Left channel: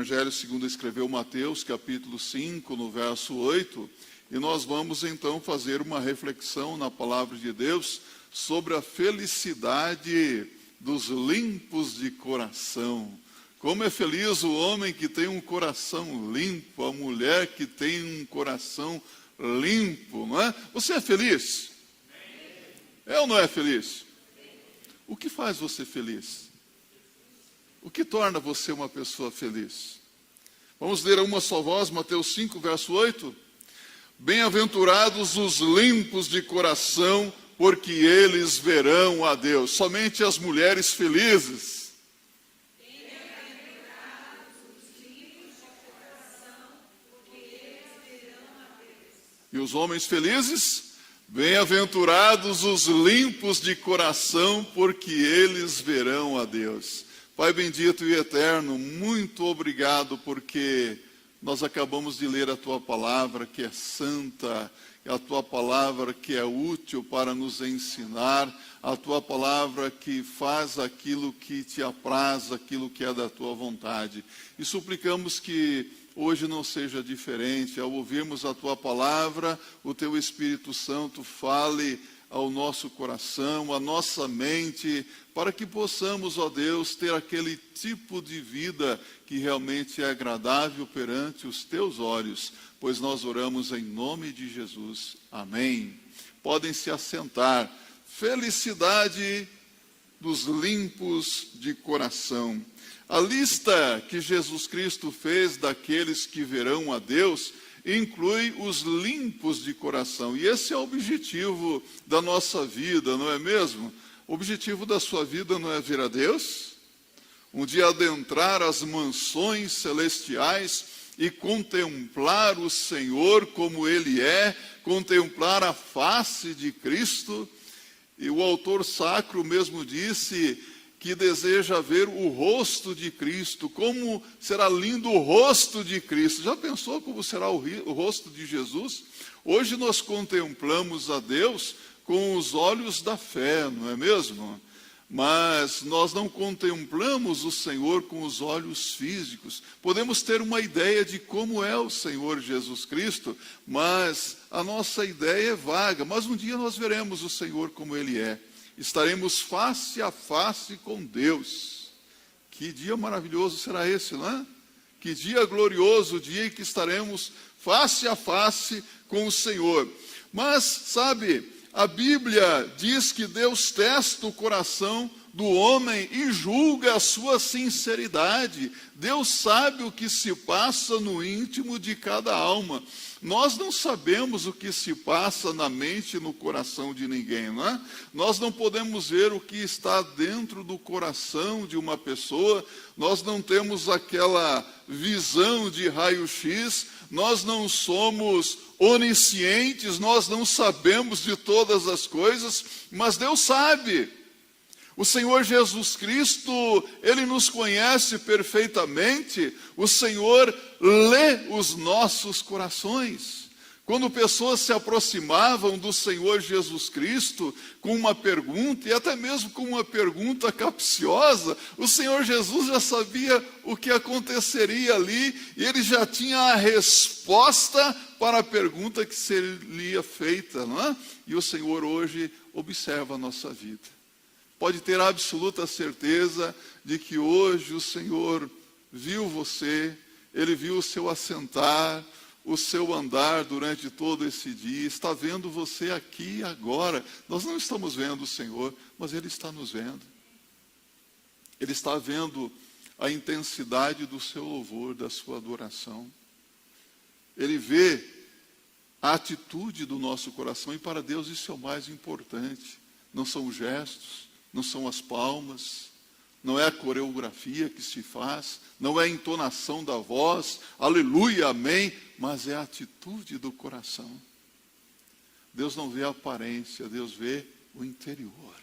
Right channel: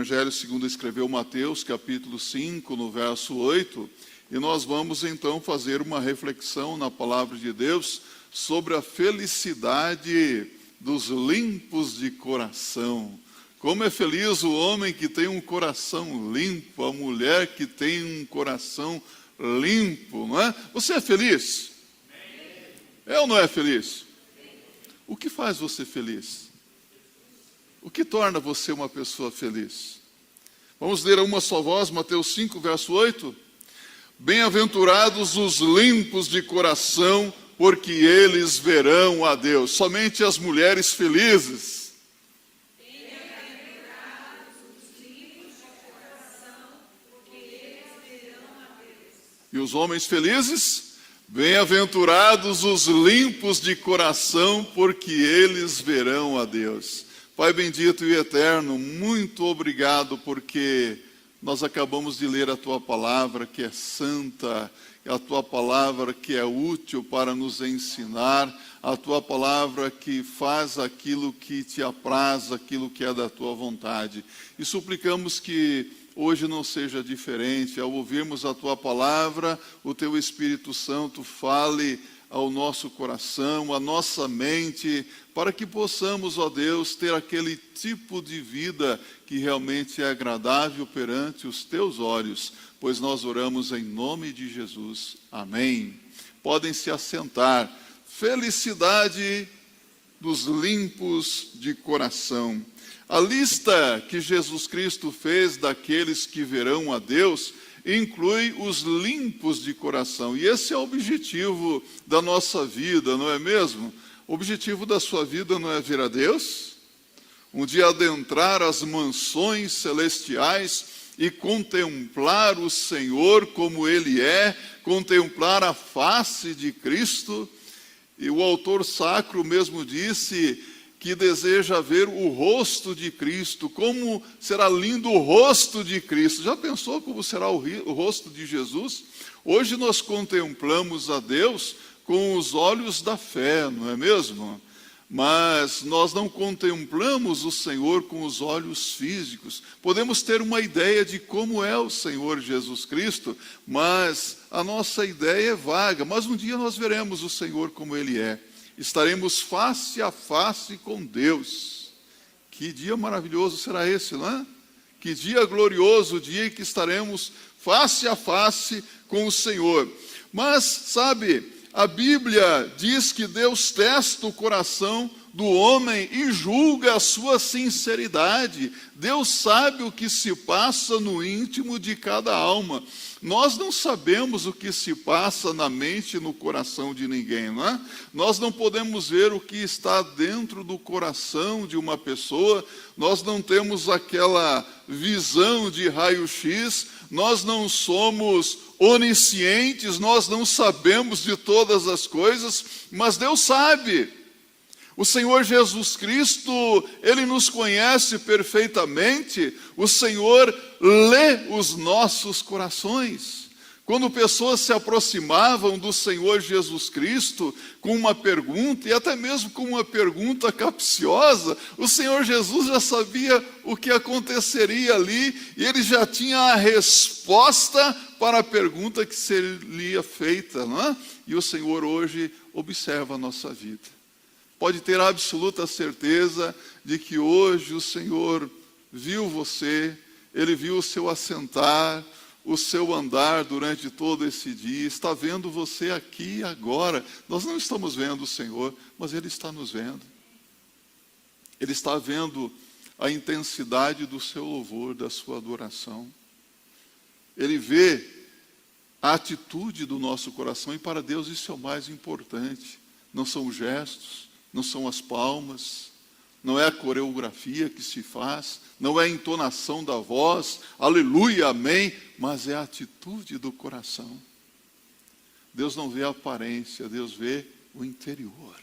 Evangelho segundo escreveu Mateus, capítulo 5, no verso 8, e nós vamos então fazer uma reflexão na palavra de Deus sobre a felicidade dos limpos de coração. Como é feliz o homem que tem um coração limpo, a mulher que tem um coração limpo, não é? Você é feliz? É ou não é feliz? O que faz você feliz? O que torna você uma pessoa feliz? Vamos ler a uma só voz, Mateus 5, verso 8. Bem-aventurados os limpos de coração, porque eles verão a Deus. Somente as mulheres felizes. Bem-aventurados os limpos de coração, porque eles verão a Deus. E os homens felizes? Bem-aventurados os limpos de coração, porque eles verão a Deus. Pai bendito e eterno, muito obrigado, porque nós acabamos de ler a Tua palavra, que é santa, a Tua palavra que é útil para nos ensinar, a Tua palavra que faz aquilo que Te apraz, aquilo que é da Tua vontade. E suplicamos que hoje não seja diferente. Ao ouvirmos a Tua palavra, o Teu Espírito Santo fale ao nosso coração, à nossa mente, para que possamos, ó Deus, ter aquele tipo de vida que realmente é agradável perante os Teus olhos, pois nós oramos em nome de Jesus. Amém. Podem se assentar. Felicidade dos limpos de coração. A lista que Jesus Cristo fez daqueles que verão a Deus inclui os limpos de coração. E esse é o objetivo da nossa vida, não é mesmo? O objetivo da sua vida não é ver a Deus? Um dia adentrar as mansões celestiais e contemplar o Senhor como Ele é, contemplar a face de Cristo. E o autor sacro mesmo disse que deseja ver o rosto de Cristo. Como será lindo o rosto de Cristo? Já pensou como será o rosto de Jesus? Hoje nós contemplamos a Deus com os olhos da fé, não é mesmo? Mas nós não contemplamos o Senhor com os olhos físicos. Podemos ter uma ideia de como é o Senhor Jesus Cristo, mas a nossa ideia é vaga. Mas um dia nós veremos o Senhor como Ele é. Estaremos face a face com Deus. Que dia maravilhoso será esse, não é? Que dia glorioso, o dia em que estaremos face a face com o Senhor. Mas, sabe, a Bíblia diz que Deus testa o coração do homem e julga a sua sinceridade. Deus sabe o que se passa no íntimo de cada alma. Nós não sabemos o que se passa na mente e no coração de ninguém, não é? Nós não podemos ver o que está dentro do coração de uma pessoa, nós não temos aquela visão de raio-x, nós não somos oniscientes, nós não sabemos de todas as coisas, mas Deus sabe. O Senhor Jesus Cristo, Ele nos conhece perfeitamente, o Senhor lê os nossos corações. Quando pessoas se aproximavam do Senhor Jesus Cristo com uma pergunta, e até mesmo com uma pergunta capciosa, o Senhor Jesus já sabia o que aconteceria ali, e Ele já tinha a resposta para a pergunta que seria feita, não é? E o Senhor hoje observa a nossa vida. Pode ter absoluta certeza de que hoje o Senhor viu você, Ele viu o seu assentar, o seu andar durante todo esse dia, está vendo você aqui e agora. Nós não estamos vendo o Senhor, mas Ele está nos vendo. Ele está vendo a intensidade do seu louvor, da sua adoração. Ele vê a atitude do nosso coração, e para Deus isso é o mais importante. Não são os gestos, não são as palmas, não é a coreografia que se faz, não é a entonação da voz, aleluia, amém, mas é a atitude do coração. Deus não vê a aparência, Deus vê o interior.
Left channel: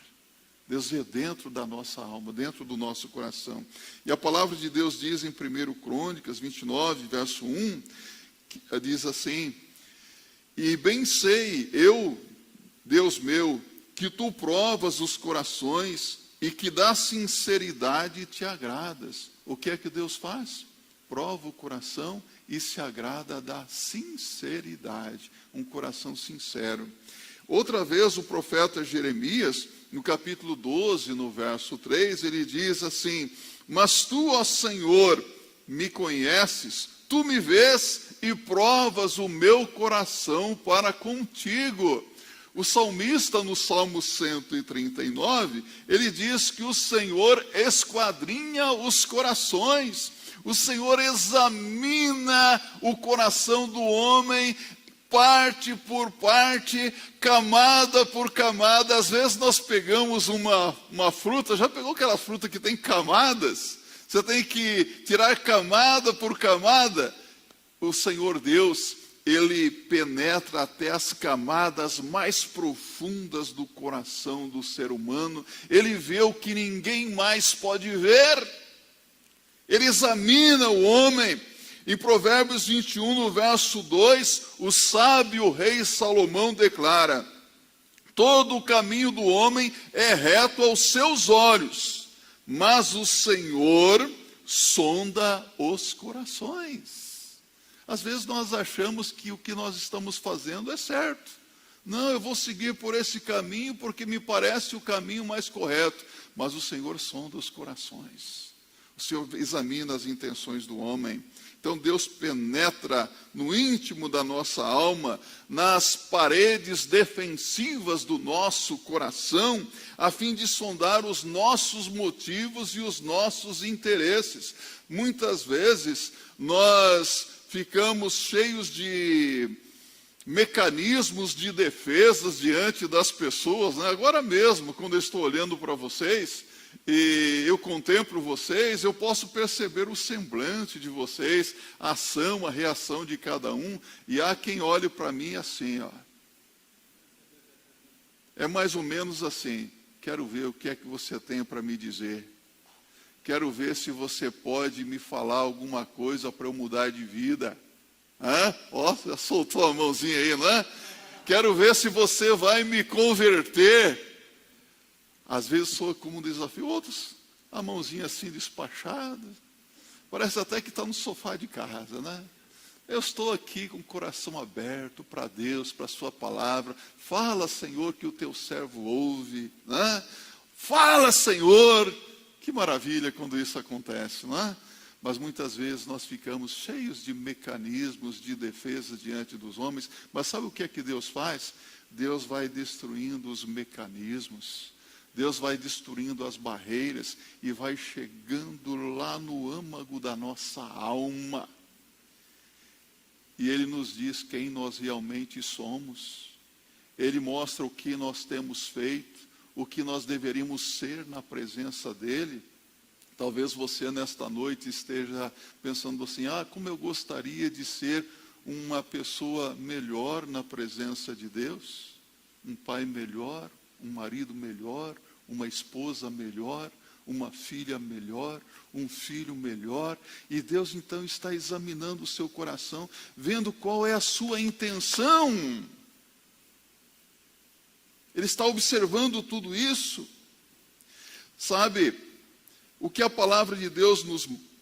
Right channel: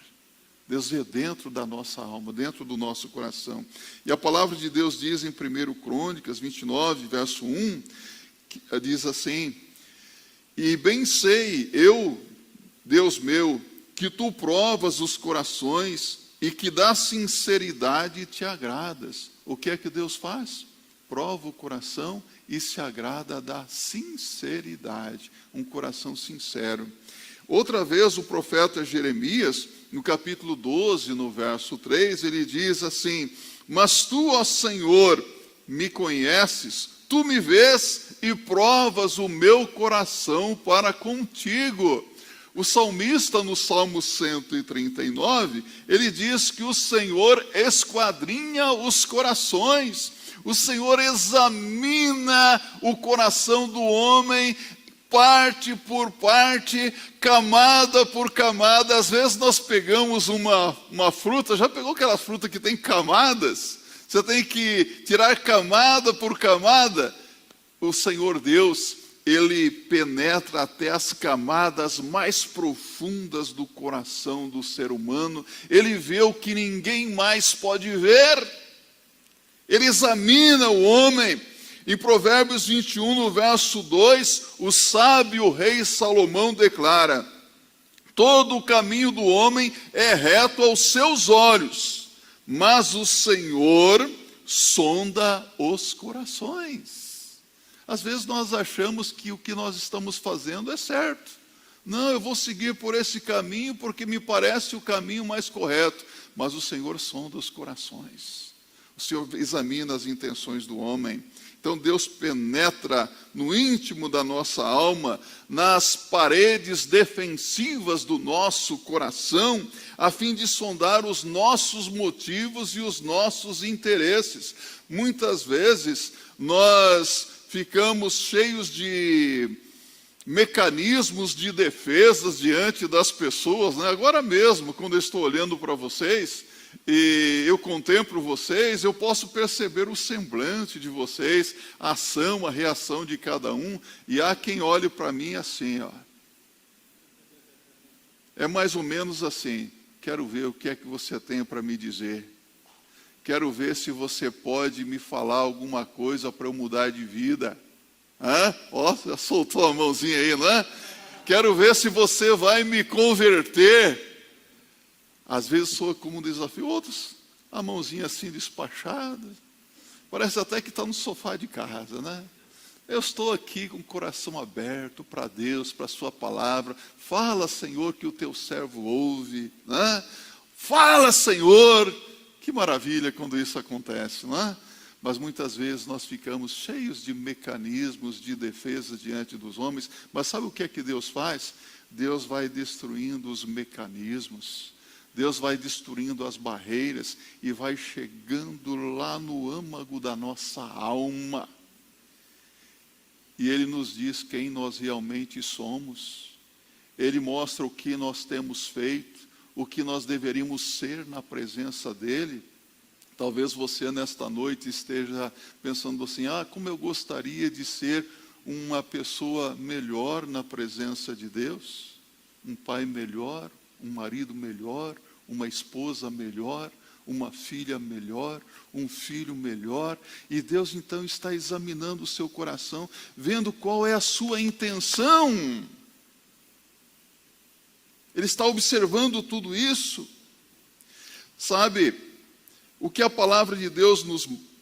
Deus vê dentro da nossa alma, dentro do nosso coração. E a palavra de Deus diz em 1 Crônicas 29, verso 1, diz assim: e bem sei eu, Deus meu, que tu provas os corações e que da sinceridade te agradas. O que é que Deus faz? prova o coração e se agrada da sinceridade, um coração sincero. Outra vez o profeta Jeremias, no capítulo 12, no verso 3, ele diz assim: mas tu, ó Senhor, me conheces, tu me vês e provas o meu coração para contigo. O salmista, no Salmo 139, ele diz que o Senhor esquadrinha os corações, o Senhor examina o coração do homem, parte por parte, camada por camada. Às vezes nós pegamos uma fruta, já pegou aquela fruta que tem camadas? Você tem que tirar camada por camada. O Senhor Deus, Ele penetra até as camadas mais profundas do coração do ser humano. Ele vê o que ninguém mais pode ver. Ele examina o homem. Em Provérbios 21, no verso 2, o sábio rei Salomão declara: todo o caminho do homem é reto aos seus olhos, mas o Senhor sonda os corações. Às vezes nós achamos que o que nós estamos fazendo é certo. Não, eu vou seguir por esse caminho porque me parece o caminho mais correto. Mas o Senhor sonda os corações. O Senhor examina as intenções do homem. Então Deus penetra no íntimo da nossa alma, nas paredes defensivas do nosso coração, a fim de sondar os nossos motivos e os nossos interesses. Muitas vezes nós ficamos cheios de mecanismos de defesas diante das pessoas, né? Agora mesmo, quando eu estou olhando para vocês e eu contemplo vocês, eu posso perceber o semblante de vocês, a ação, a reação de cada um, e há quem olhe para mim assim, ó. É mais ou menos assim: quero ver o que é que você tem para me dizer. Quero ver se você pode me falar alguma coisa para eu mudar de vida. Ó, já soltou a mãozinha aí, não é? Quero ver se você vai me converter. Às vezes sou como um desafio, outros, a mãozinha assim despachada. Parece até que está no sofá de casa, né? Eu estou aqui com o coração aberto para Deus, para a sua palavra. Fala, Senhor, que o teu servo ouve, né? Fala, Senhor. Que maravilha quando isso acontece, não é? Mas muitas vezes nós ficamos cheios de mecanismos de defesa diante dos homens. Mas sabe o que é que Deus faz? Deus vai destruindo os mecanismos. Deus vai destruindo as barreiras e vai chegando lá no âmago da nossa alma. E Ele nos diz quem nós realmente somos. Ele mostra o que nós temos feito, o que nós deveríamos ser na presença dEle. Talvez você nesta noite esteja pensando assim: como eu gostaria de ser uma pessoa melhor na presença de Deus. Um pai melhor, um marido melhor, uma esposa melhor, uma filha melhor, um filho melhor. E Deus então está examinando o seu coração, vendo qual é a sua intenção. Ele está observando tudo isso. Sabe, o que a palavra de Deus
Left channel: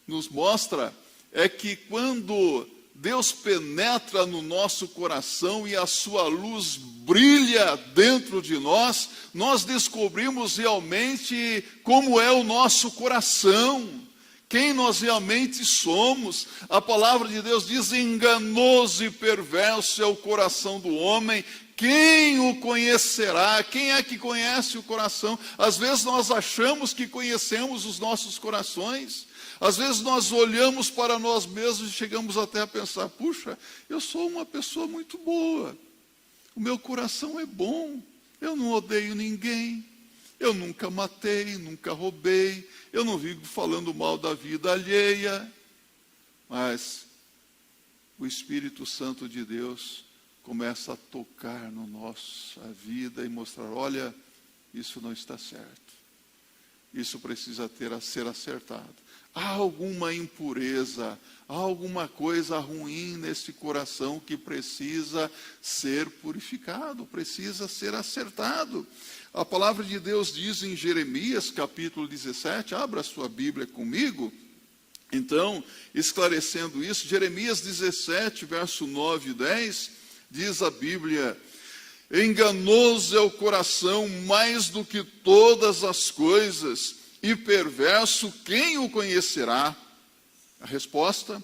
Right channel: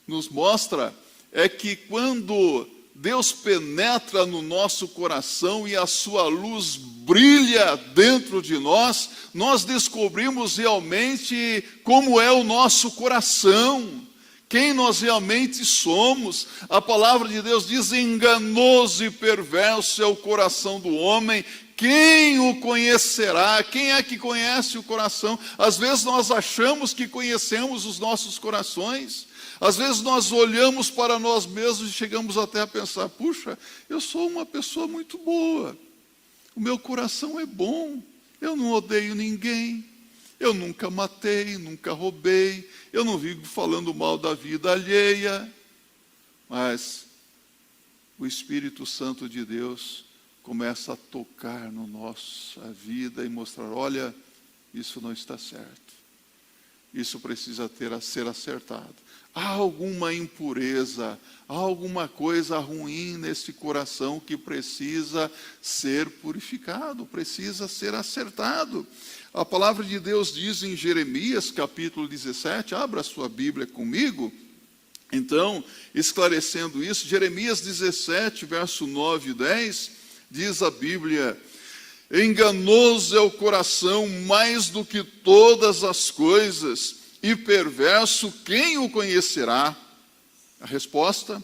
nos mostra é que quando Deus penetra no nosso coração e a sua luz brilha dentro de nós, nós descobrimos realmente como é o nosso coração, quem nós realmente somos. A palavra de Deus diz: enganoso e perverso é o coração do homem, quem o conhecerá? Quem é que conhece o coração? Às vezes nós achamos que conhecemos os nossos corações. Às vezes nós olhamos para nós mesmos e chegamos até a pensar: puxa, eu sou uma pessoa muito boa. O meu coração é bom. Eu não odeio ninguém. Eu nunca matei, nunca roubei. Eu não vivo falando mal da vida alheia. Mas o Espírito Santo de Deus começa a tocar na nossa vida e mostrar: olha, isso não está certo. Isso precisa ser acertado. Há alguma impureza, há alguma coisa ruim nesse coração que precisa ser purificado, precisa ser acertado. A palavra de Deus diz em Jeremias, capítulo 17, abra a sua Bíblia comigo. Então, esclarecendo isso, Jeremias 17, verso 9 e 10, diz a Bíblia: enganoso é o coração mais do que todas as coisas, e perverso, quem o conhecerá? A resposta:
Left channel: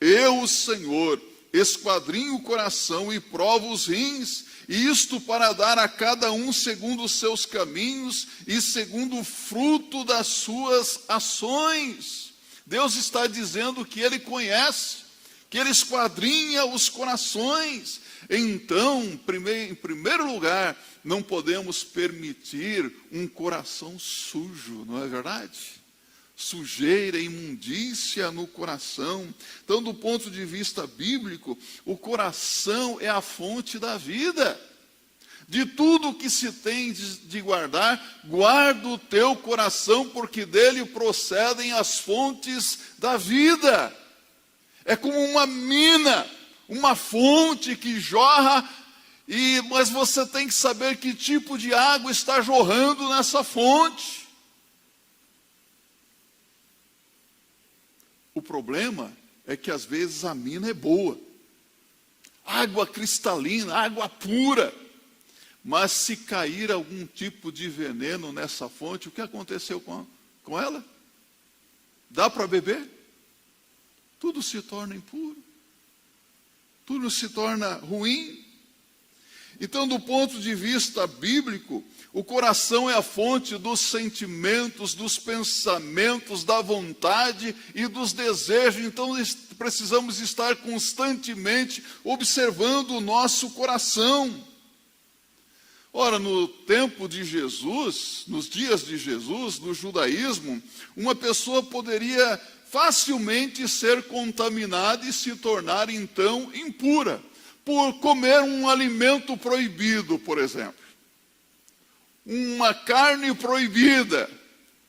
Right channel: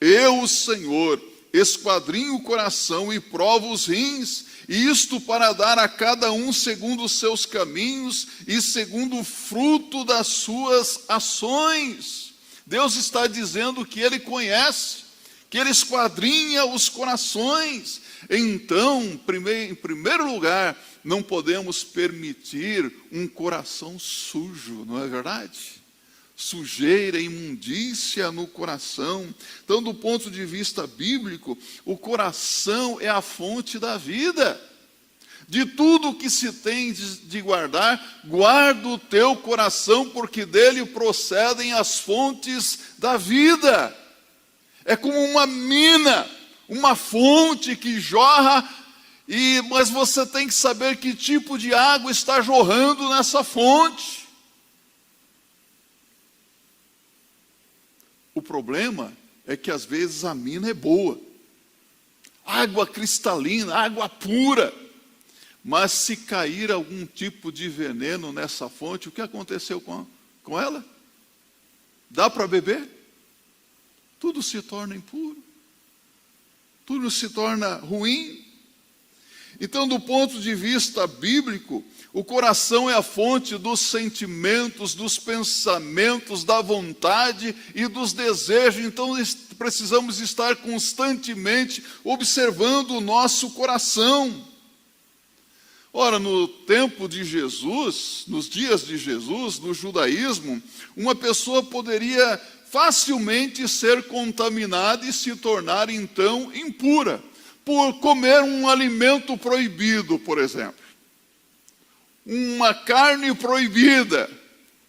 eu, o Senhor, esquadrinho o coração e provo os rins, e isto para dar a cada um segundo os seus caminhos e segundo o fruto das suas ações. Deus está dizendo que Ele conhece, que Ele esquadrinha os corações. Então, em primeiro lugar, não podemos permitir um coração sujo, não é verdade? Sujeira, imundícia no coração. Então, do ponto de vista bíblico, o coração é a fonte da vida. De tudo que se tem de guardar, guarda o teu coração, porque dele procedem as fontes da vida. É como uma mina, uma fonte que jorra, mas você tem que saber que tipo de água está jorrando nessa fonte. O problema é que às vezes a mina é boa, água cristalina, água pura, mas se cair algum tipo de veneno nessa fonte, o que aconteceu com ela? Dá para beber? Tudo se torna impuro, tudo se torna ruim. Então, do ponto de vista bíblico, o coração é a fonte dos sentimentos, dos pensamentos, da vontade e dos desejos. Então, precisamos estar constantemente observando o nosso coração. Ora, no tempo de Jesus, nos dias de Jesus, no judaísmo, uma pessoa poderia facilmente ser contaminada e se tornar, então, impura, por comer um alimento proibido, por exemplo. Uma carne proibida,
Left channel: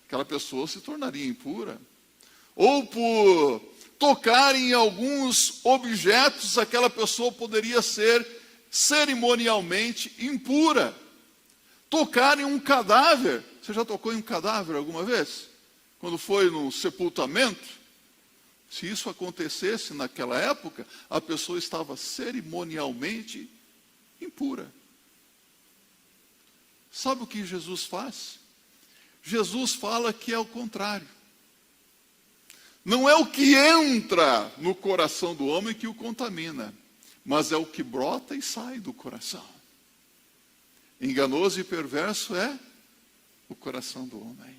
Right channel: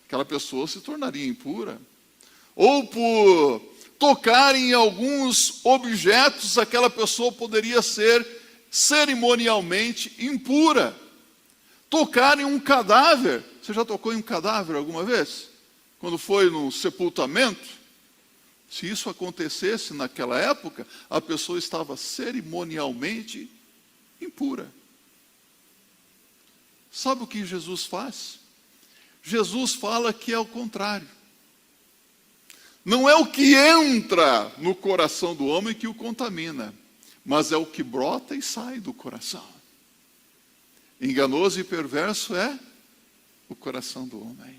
aquela pessoa se tornaria impura. Ou por tocar em alguns objetos, aquela pessoa poderia ser cerimonialmente impura. Tocar em um cadáver. Você já tocou em um cadáver alguma vez? Quando foi no sepultamento? Se isso acontecesse naquela época, a pessoa estava cerimonialmente impura. Sabe o que Jesus faz? Jesus fala que é o contrário. Não é o que entra no coração do homem que o contamina, mas é o que brota e sai do coração. Enganoso e perverso é o coração do homem.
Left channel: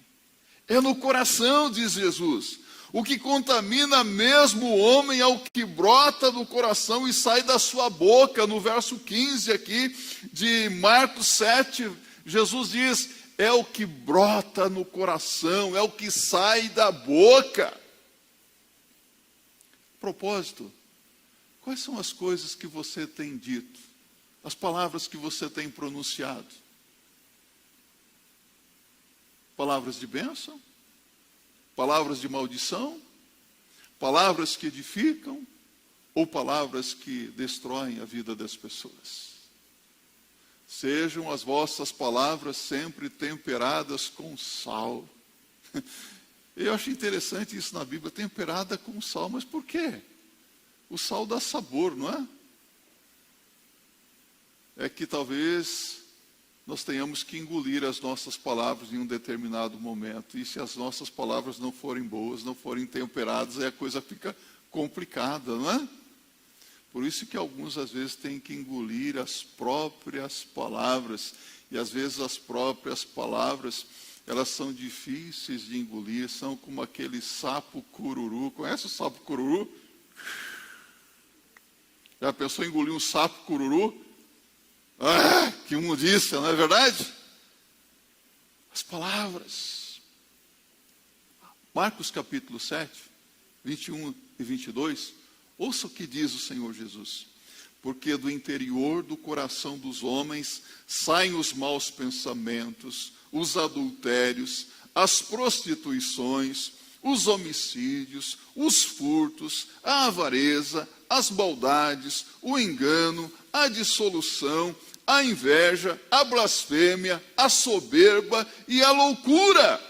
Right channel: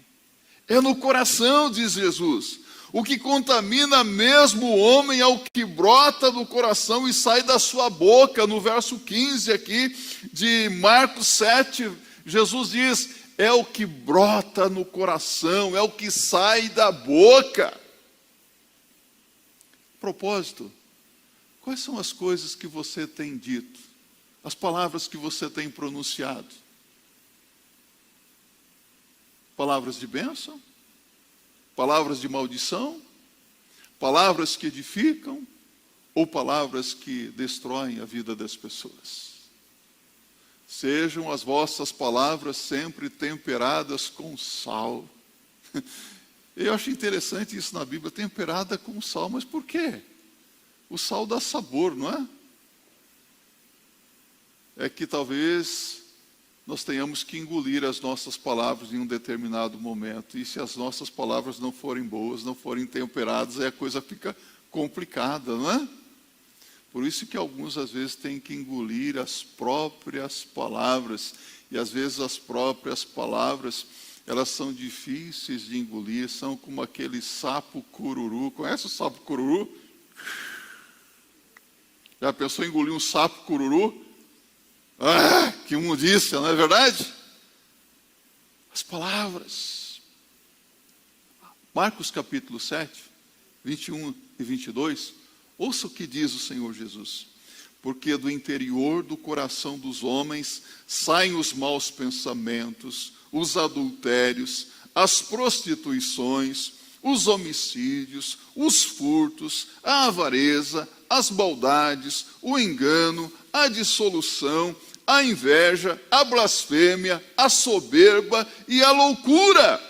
É no coração, diz Jesus. O que contamina mesmo o homem é o que brota do coração e sai da sua boca. No verso 15 aqui de Marcos 7, Jesus diz: é o que brota no coração, é o que sai da boca. Propósito. Quais são as coisas que você tem dito? As palavras que você tem pronunciado? Palavras de bênção? Palavras de maldição? Palavras que edificam? Ou palavras que destroem a vida das pessoas? Sejam as vossas palavras sempre temperadas com sal. Eu acho interessante isso na Bíblia, temperada com sal. Mas por quê? O sal dá sabor, não é? É que talvez nós tenhamos que engolir as nossas palavras em um determinado momento. E se as nossas palavras não forem boas, não forem temperadas, aí a coisa fica complicada, não é? Por isso que alguns, às vezes, têm que engolir as próprias palavras. E, às vezes, as próprias palavras, elas são difíceis de engolir, são como aquele sapo cururu. Conhece o sapo cururu? Já pensou em engolir um sapo cururu? Ah, que imundícia, não é verdade? As palavras. Marcos capítulo 7, 21 e 22. Ouça o que diz o Senhor Jesus. Porque do interior do coração dos homens saem os maus pensamentos, os adultérios, as prostituições, os homicídios, os furtos, a avareza, as maldades, o engano, a dissolução, a inveja, a blasfêmia, a soberba e a loucura.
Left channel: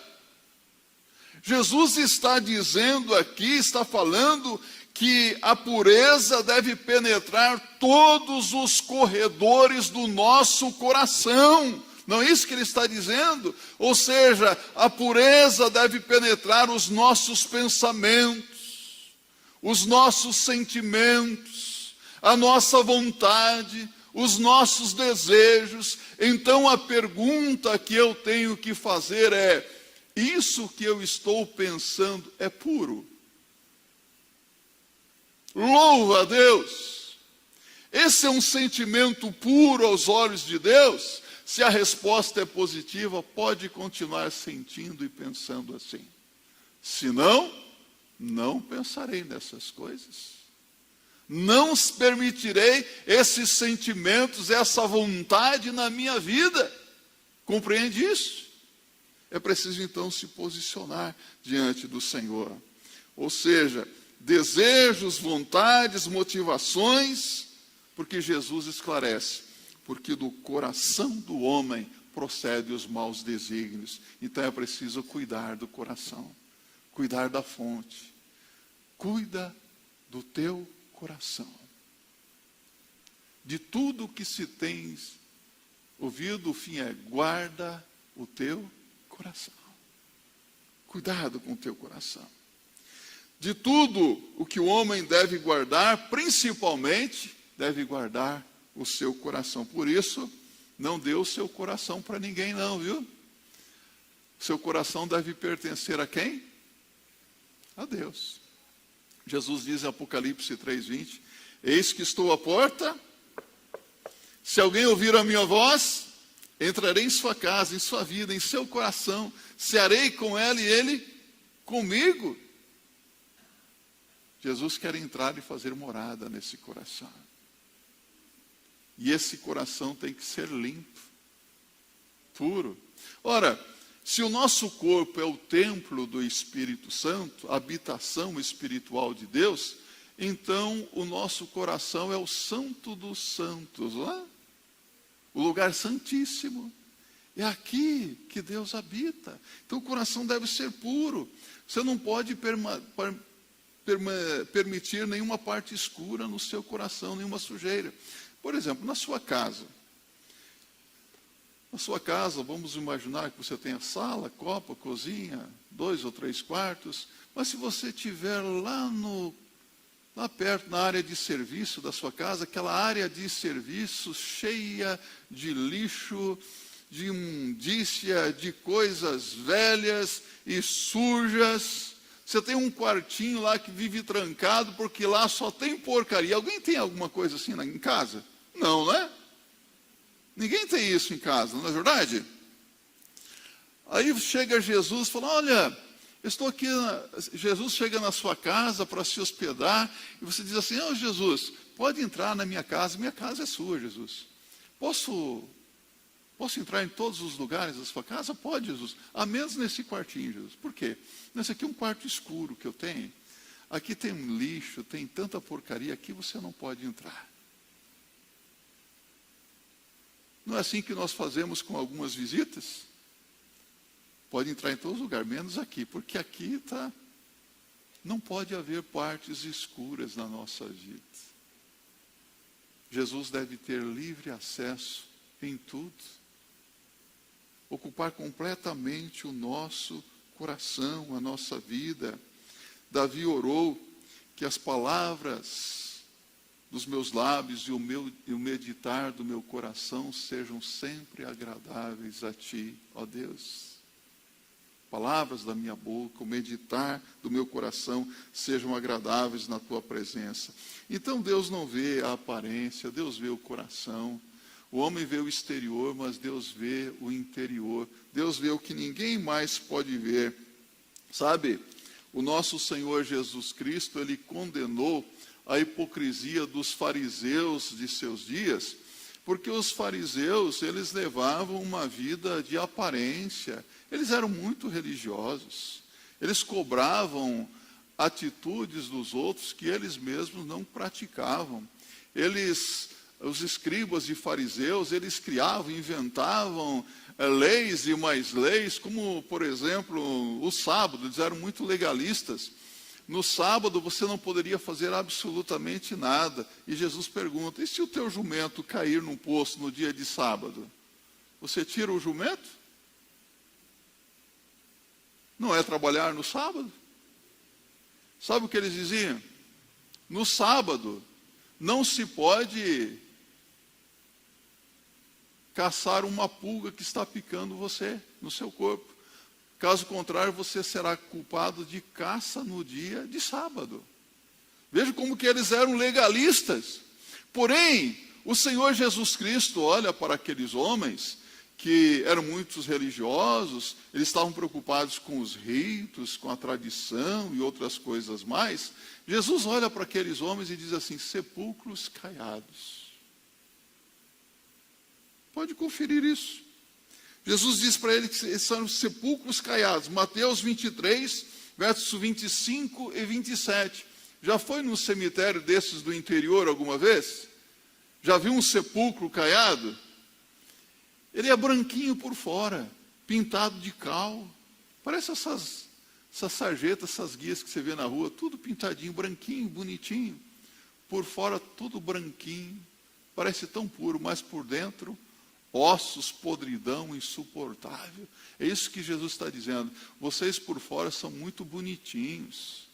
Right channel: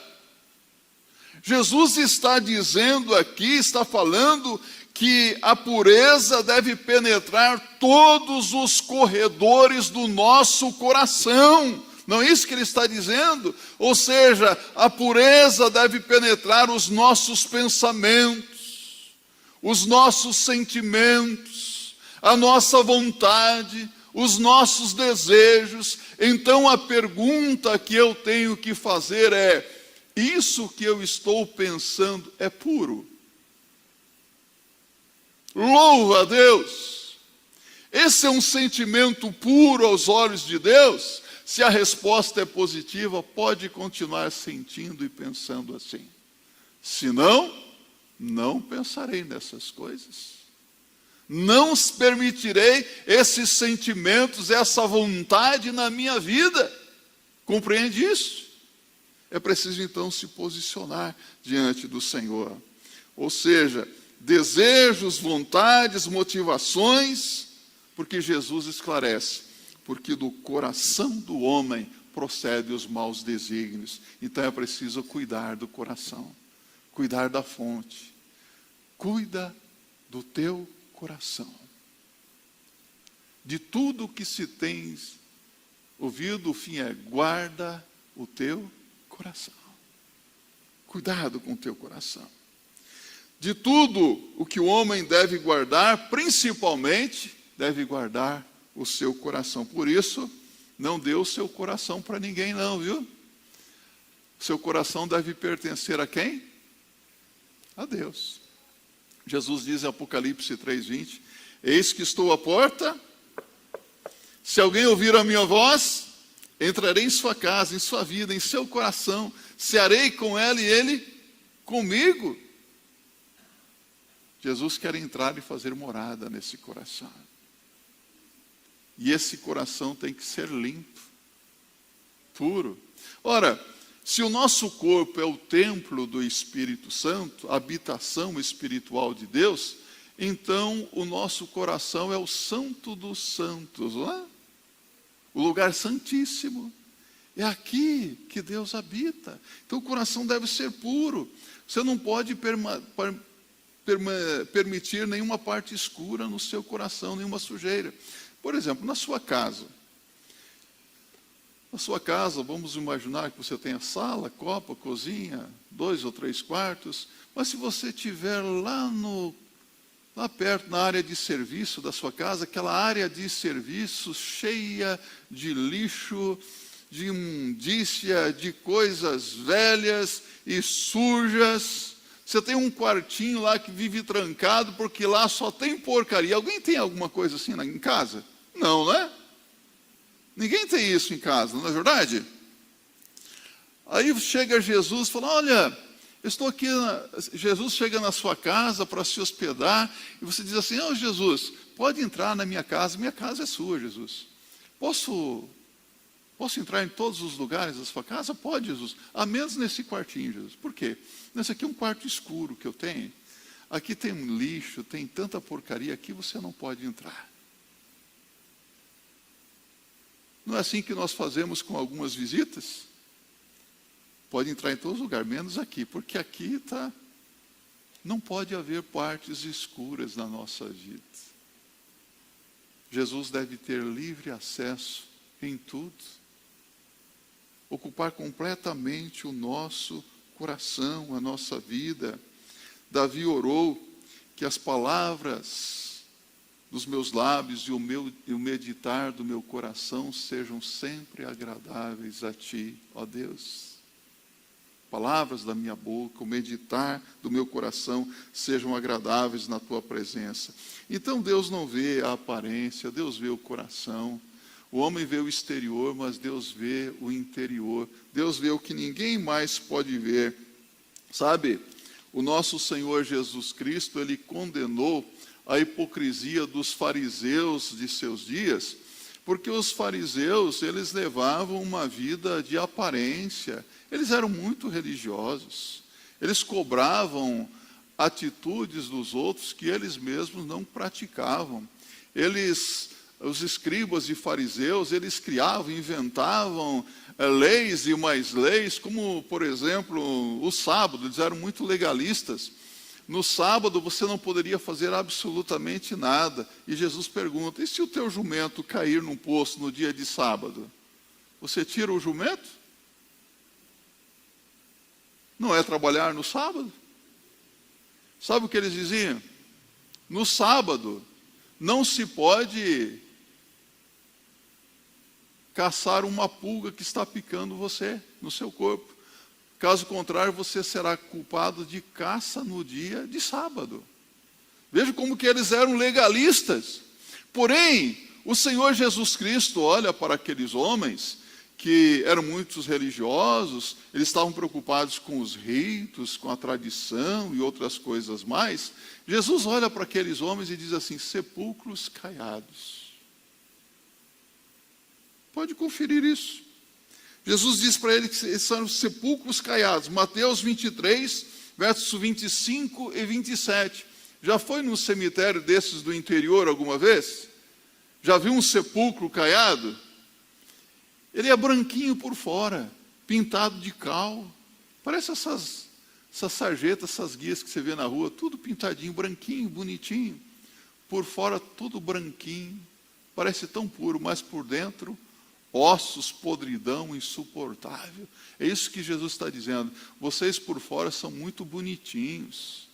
Jesus está dizendo aqui, está falando que a pureza deve penetrar todos os corredores do nosso coração. Não é isso que ele está dizendo? Ou seja, a pureza deve penetrar os nossos pensamentos, os nossos sentimentos, a nossa vontade, os nossos desejos. Então a pergunta que eu tenho que fazer é: isso que eu estou pensando é puro? Louva a Deus! Esse é um sentimento puro aos olhos de Deus? Se a resposta é positiva, pode continuar sentindo e pensando assim. Se não, não pensarei nessas coisas. Não permitirei esses sentimentos, essa vontade na minha vida. Compreende isso? É preciso então se posicionar diante do Senhor. Ou seja, desejos, vontades, motivações, porque Jesus esclarece. Porque do coração do homem procedem os maus desígnios. Então é preciso cuidar do coração, cuidar da fonte. Cuida do teu coração. De tudo que se tem ouvido, o fim é: guarda o teu coração. Cuidado com o teu coração. De tudo o que o homem deve guardar, principalmente deve guardar o seu coração. Por isso, não dê o seu coração para ninguém não, viu? O seu coração deve pertencer a quem? A Deus. Jesus diz em Apocalipse 3:20, eis que estou à porta, se alguém ouvir a minha voz, entrarei em sua casa, em sua vida, em seu coração, cearei com ela e ele comigo. Jesus quer entrar e fazer morada nesse coração. E esse coração tem que ser limpo, puro. Ora, se o nosso corpo é o templo do Espírito Santo, a habitação espiritual de Deus, então o nosso coração é o santo dos santos, não é? O lugar santíssimo. É aqui que Deus habita. Então o coração deve ser puro. Você não pode permitir nenhuma parte escura no seu coração, nenhuma sujeira. Por exemplo, na sua casa. Na sua casa, vamos imaginar que você tenha sala, copa, cozinha, 2 ou 3 quartos. Mas se você estiver lá perto, na área de serviço da sua casa, aquela área de serviço cheia de lixo, de imundícia, de coisas velhas e sujas. Você tem um quartinho lá que vive trancado porque lá só tem porcaria. Alguém tem alguma coisa assim em casa? Não, né? Ninguém tem isso em casa, não é verdade? Aí chega Jesus e fala: olha, eu estou aqui. Jesus chega na sua casa para se hospedar e você diz assim: oh, Jesus, pode entrar na minha casa é sua, Jesus. Posso entrar em todos os lugares da sua casa? Pode, Jesus. A menos nesse quartinho, Jesus. Por quê? Nesse aqui é um quarto escuro que eu tenho. Aqui tem um lixo, tem tanta porcaria, aqui você não pode entrar. Não é assim que nós fazemos com algumas visitas? Pode entrar em todos os lugares, menos aqui, porque aqui não pode haver partes escuras na nossa vida. Jesus deve ter livre acesso em tudo. Ocupar completamente o nosso coração, a nossa vida. Davi orou que as palavras dos meus lábios e o meditar do meu coração sejam sempre agradáveis a Ti, ó Deus. Palavras da minha boca, o meditar do meu coração sejam agradáveis na Tua presença. Então Deus não vê a aparência, Deus vê o coração. O homem vê o exterior, mas Deus vê o interior. Deus vê o que ninguém mais pode ver. Sabe, o nosso Senhor Jesus Cristo, Ele condenou a hipocrisia dos fariseus de seus dias, porque os fariseus, eles levavam uma vida de aparência, eles eram muito religiosos, eles cobravam atitudes dos outros que eles mesmos não praticavam, eles os escribas e fariseus, eles criavam, inventavam leis e mais leis, como, por exemplo, o sábado. Eles eram muito legalistas. No sábado você não poderia fazer absolutamente nada. E Jesus pergunta: e se o teu jumento cair num poço no dia de sábado? Você tira o jumento? Não é trabalhar no sábado? Sabe o que eles diziam? No sábado não se pode caçar uma pulga que está picando você, no seu corpo. Caso contrário, você será culpado de caça no dia de sábado. Veja como que eles eram legalistas. Porém, o Senhor Jesus Cristo olha para aqueles homens que eram muitos religiosos, eles estavam preocupados com os ritos, com a tradição e outras coisas mais. Jesus olha para aqueles homens e diz assim: sepulcros caiados. Pode conferir isso. Jesus diz para eles que são sepulcros caiados. Mateus 23, versos 25 e 27. Já foi num cemitério desses do interior alguma vez? Já viu um sepulcro caiado? Ele é branquinho por fora, pintado de cal. Parece essas sarjetas, essas guias que você vê na rua, tudo pintadinho, branquinho, bonitinho. Por fora, tudo branquinho. Parece tão puro, mas por dentro, ossos, podridão, insuportável. É isso que Jesus está dizendo. Vocês por fora são muito bonitinhos,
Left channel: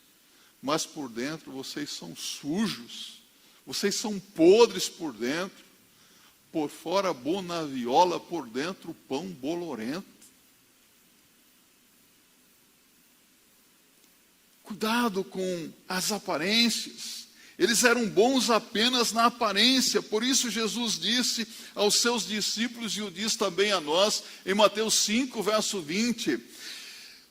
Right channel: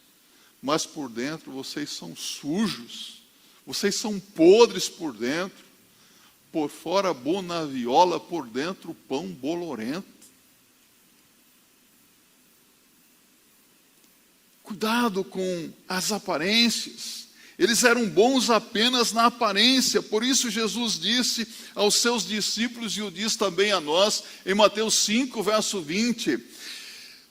mas por dentro vocês são sujos. Vocês são podres por dentro. Por fora boa viola, por dentro pão bolorento. Cuidado com as aparências. Eles eram bons apenas na aparência. Por isso Jesus disse aos seus discípulos, e o diz também a nós, em Mateus 5, verso 20:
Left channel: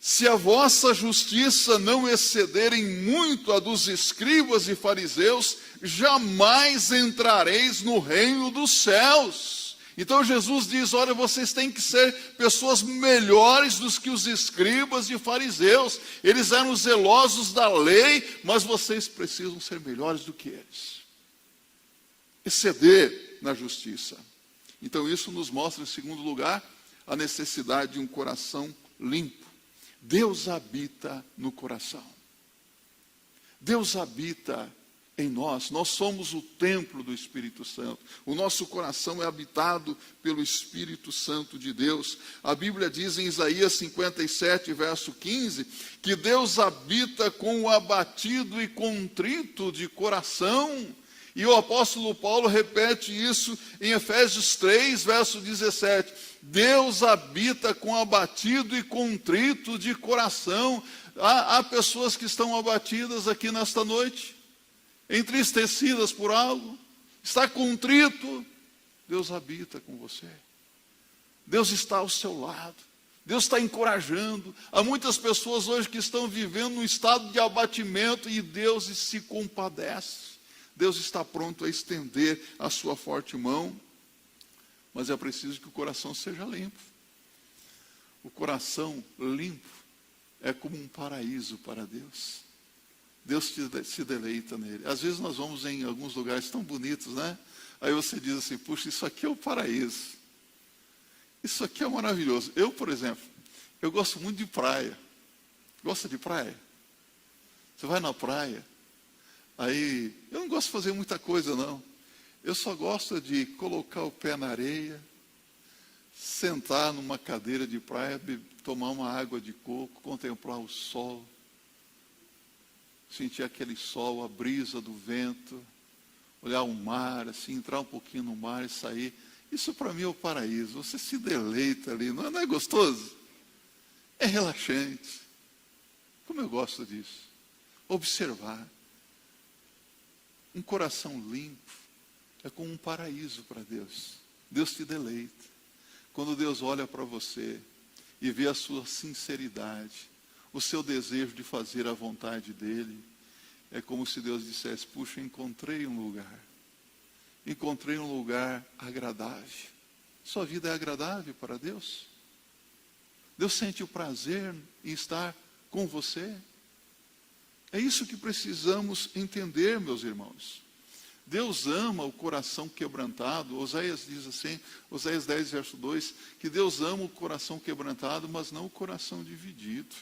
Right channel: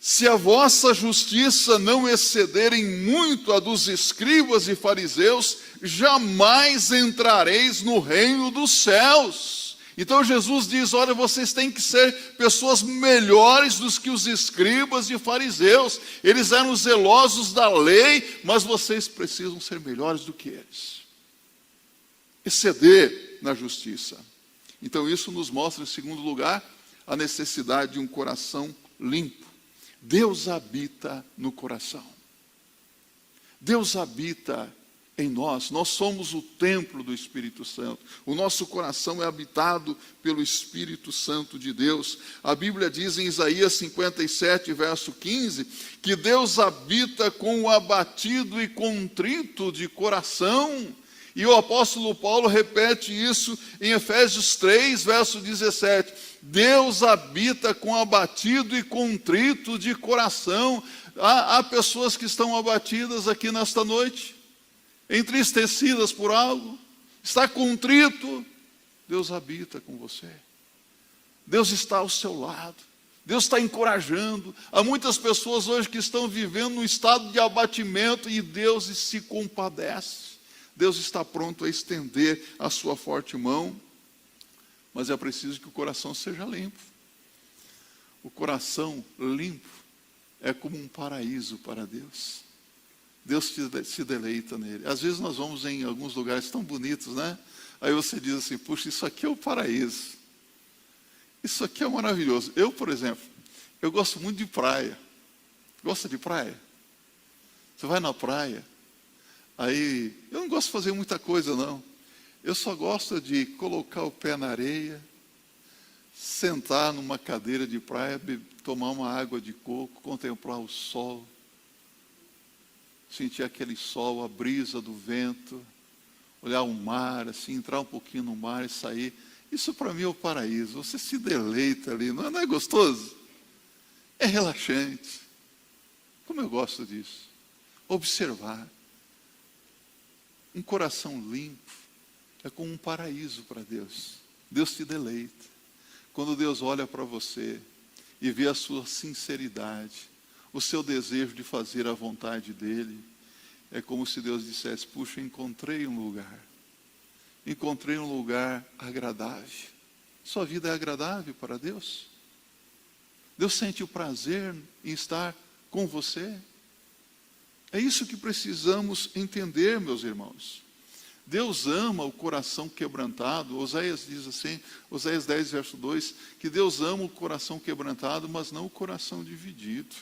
se a vossa justiça não excederem muito a dos escribas e fariseus, jamais entrareis no reino dos céus. Então Jesus diz: olha, vocês têm que ser pessoas melhores do que os escribas e fariseus. Eles eram zelosos da lei, mas vocês precisam ser melhores do que eles. Exceder na justiça. Então isso nos mostra, em segundo lugar, a necessidade de um coração limpo. Deus habita no coração. Deus habita em nós. Nós somos o templo do Espírito Santo. O nosso coração é habitado pelo Espírito Santo de Deus. A Bíblia diz em Isaías 57, verso 15, que Deus habita com o abatido e contrito de coração. E o apóstolo Paulo repete isso em Efésios 3, verso 17. Deus habita com abatido e contrito de coração. Há pessoas que estão abatidas aqui nesta noite, entristecidas por algo, está contrito. Deus habita com você. Deus está ao seu lado. Deus está encorajando. Há muitas pessoas hoje que estão vivendo num estado de abatimento e Deus se compadece. Deus está pronto a estender a sua forte mão, mas é preciso que o coração seja limpo. O coração limpo é como um paraíso para Deus. Deus se deleita nele. Às vezes nós vamos em alguns lugares tão bonitos, né? Aí você diz assim: puxa, isso aqui é o paraíso. Isso aqui é maravilhoso. Eu, por exemplo, eu gosto muito de praia. Gosta de praia? Você vai na praia. Aí, eu não gosto de fazer muita coisa, não. Eu só gosto de colocar o pé na areia, sentar numa cadeira de praia, tomar uma água de coco, contemplar o sol, sentir aquele sol, a brisa do vento, olhar o mar, assim, entrar um pouquinho no mar e sair. Isso para mim é o paraíso. Você se deleita ali, não é gostoso? É relaxante. Como eu gosto disso. Observar. Um coração limpo é como um paraíso para Deus. Deus te deleita. Quando Deus olha para você e vê a sua sinceridade, o seu desejo de fazer a vontade dEle, é como se Deus dissesse: puxa, encontrei um lugar. Encontrei um lugar agradável. Sua vida é agradável para Deus? Deus sente o prazer em estar com você? É isso que precisamos entender, meus irmãos. Deus ama o coração quebrantado. Oséias diz assim, Oséias 10, verso 2, que Deus ama o coração quebrantado, mas não o coração dividido.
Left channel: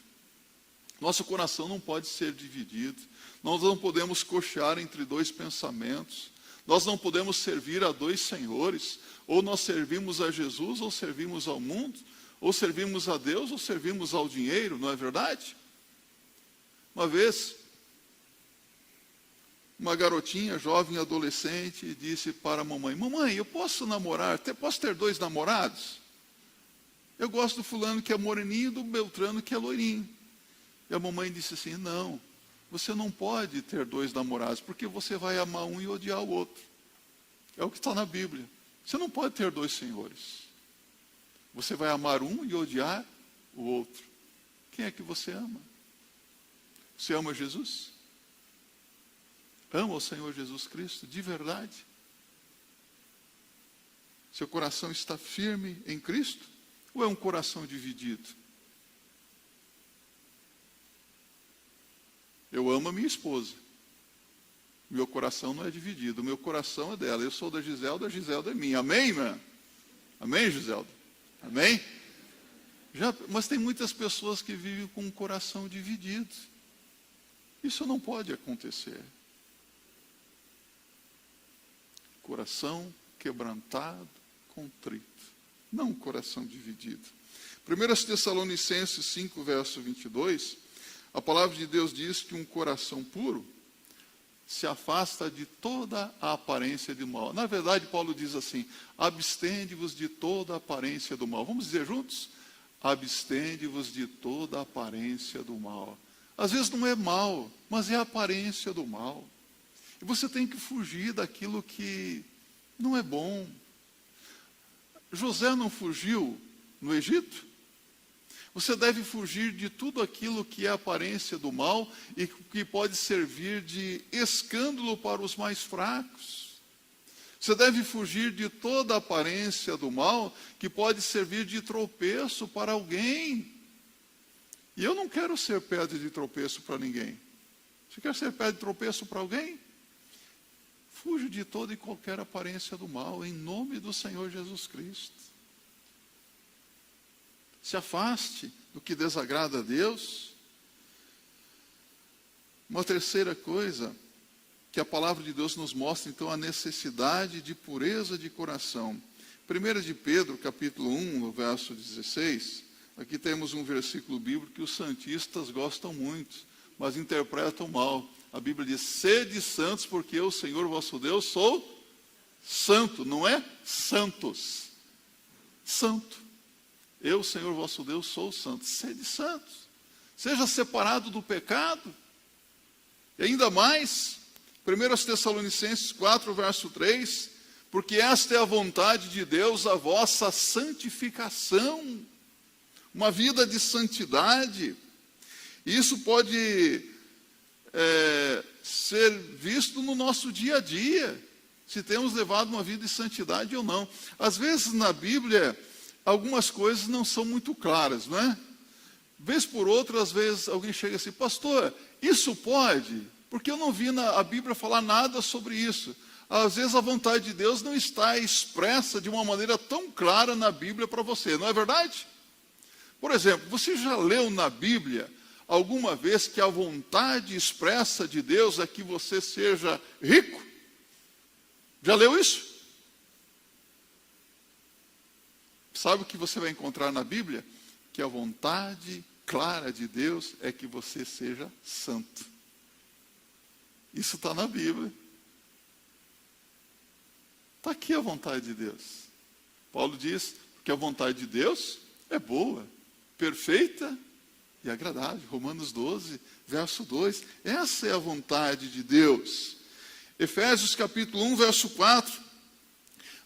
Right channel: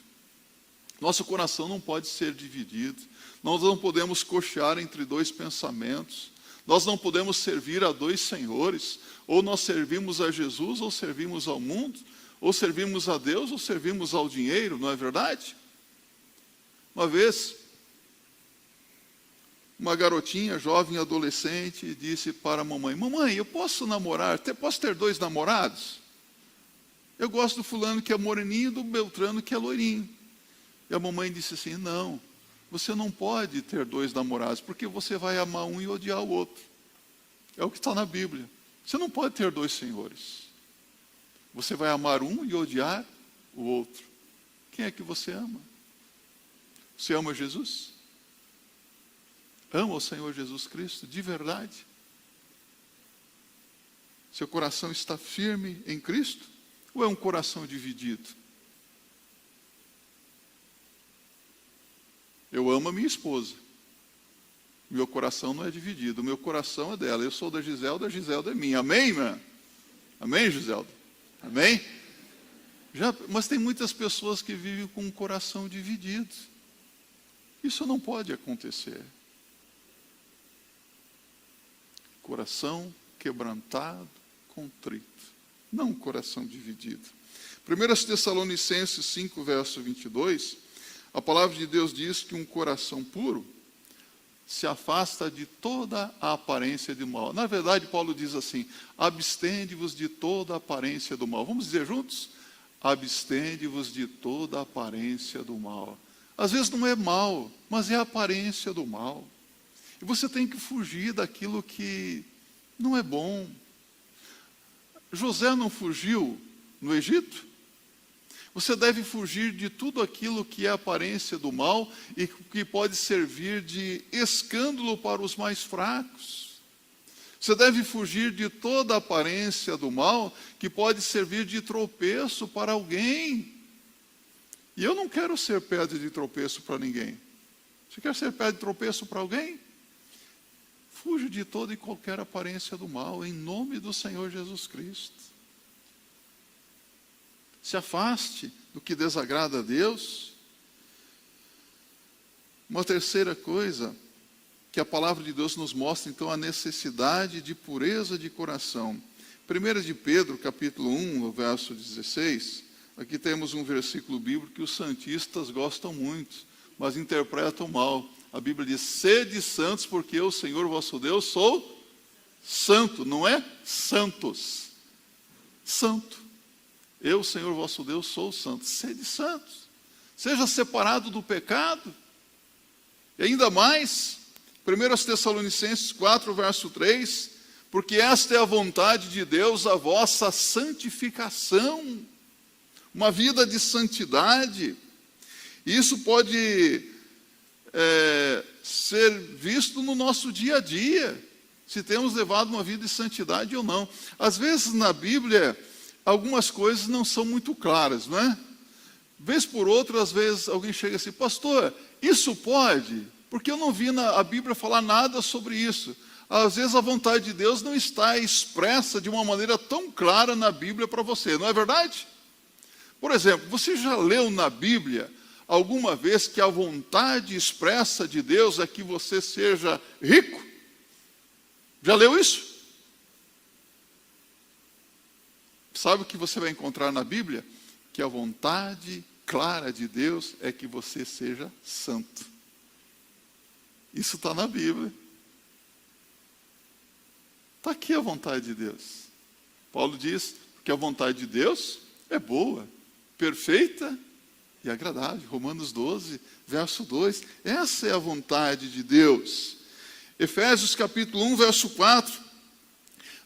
Nosso coração não pode ser dividido. Nós não podemos cochear entre dois pensamentos. Nós não podemos servir a dois senhores. Ou nós servimos a Jesus, ou servimos ao mundo. Ou servimos a Deus, ou servimos ao dinheiro, não é verdade? Uma vez, uma garotinha, jovem, adolescente, disse para a mamãe: mamãe, eu posso namorar, posso ter 2 namorados? Eu gosto do fulano que é moreninho e do Beltrano que é loirinho. E a mamãe disse assim: não, você não pode ter 2 namorados, porque você vai amar um e odiar o outro. É o que está na Bíblia. Você não pode ter 2 senhores. Você vai amar um e odiar o outro. Quem é que você ama? Você ama Jesus? Ama o Senhor Jesus Cristo de verdade? Seu coração está firme em Cristo? Ou é um coração dividido? Eu amo a minha esposa. Meu coração não é dividido. O meu coração é dela. Eu sou da Giselda é minha. Amém, irmã? Amém, Giselda? Amém? Mas tem muitas pessoas que vivem com um coração dividido. Isso não pode acontecer. Coração quebrantado, contrito. Não um coração dividido. 1 Tessalonicenses 5, verso 22, a palavra de Deus diz que um coração puro se afasta de toda a aparência de mal. Na verdade, Paulo diz assim: abstende-vos de toda a aparência do mal. Vamos dizer juntos? Abstende-vos de toda a aparência do mal. Às vezes não é mal, mas é a aparência do mal. E você tem que fugir daquilo que não é bom. José não fugiu no Egito? Você deve fugir de tudo aquilo que é aparência do mal e que pode servir de escândalo para os mais fracos. Você deve fugir de toda aparência do mal que pode servir de tropeço para alguém. E eu não quero ser pedra de tropeço para ninguém. Você quer ser pedra de tropeço para alguém? Fuja de toda e qualquer aparência do mal, em nome do Senhor Jesus Cristo. Se afaste do que desagrada a Deus. Uma terceira coisa que a palavra de Deus nos mostra, então, a necessidade de pureza de coração. 1 de Pedro, capítulo 1, verso 16, aqui temos um versículo bíblico que os santistas gostam muito, mas interpretam mal. A Bíblia diz: sede santos, porque eu, Senhor vosso Deus, sou santo, não é santos. Santo. Eu, Senhor vosso Deus, sou santo. Sede santos. Seja separado do pecado. E ainda mais, 1 Tessalonicenses 4, verso 3, porque esta é a vontade de Deus, a vossa santificação. Uma vida de santidade. Isso pode ser visto no nosso dia a dia, se temos levado uma vida de santidade ou não. Às vezes na Bíblia, algumas coisas não são muito claras, não é? Vez por outra, às vezes alguém chega assim: pastor, isso pode? Porque eu não vi a Bíblia falar nada sobre isso. Às vezes a vontade de Deus não está expressa de uma maneira tão clara na Bíblia para você, não é verdade? Por exemplo, você já leu na Bíblia alguma vez que a vontade expressa de Deus é que você seja rico? Já leu isso? Sabe o que você vai encontrar na Bíblia? Que a vontade clara de Deus é que você seja santo. Isso está na Bíblia. Está aqui a vontade de Deus. Paulo diz que a vontade de Deus é boa, perfeita e agradável. Romanos 12, verso 2. Essa é a vontade de Deus. Efésios capítulo 1, verso 4.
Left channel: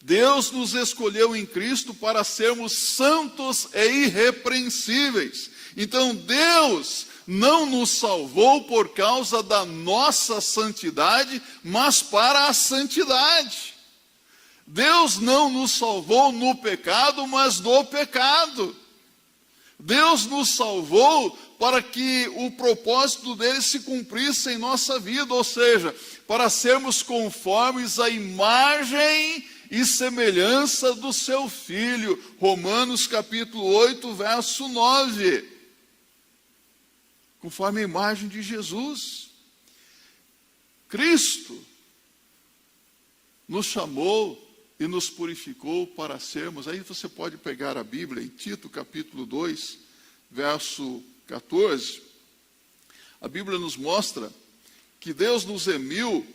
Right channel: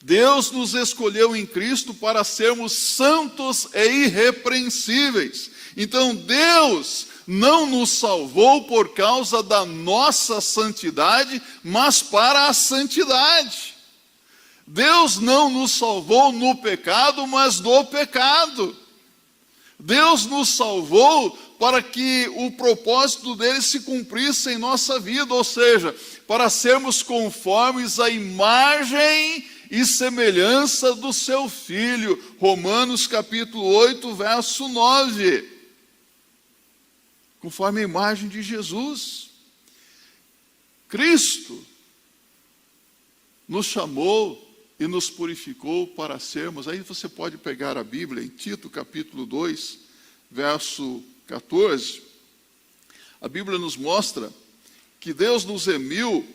Deus nos escolheu em Cristo para sermos santos e irrepreensíveis. Então Deus não nos salvou por causa da nossa santidade, mas para a santidade. Deus não nos salvou no pecado, mas do pecado. Deus nos salvou para que o propósito dele se cumprisse em nossa vida, ou seja, para sermos conformes à imagem e semelhança do seu Filho. Romanos capítulo 8, verso 9. Conforme a imagem de Jesus. Cristo nos chamou e nos purificou para sermos. Aí você pode pegar a Bíblia em Tito capítulo 2, verso 14. A Bíblia nos mostra que Deus nos remiu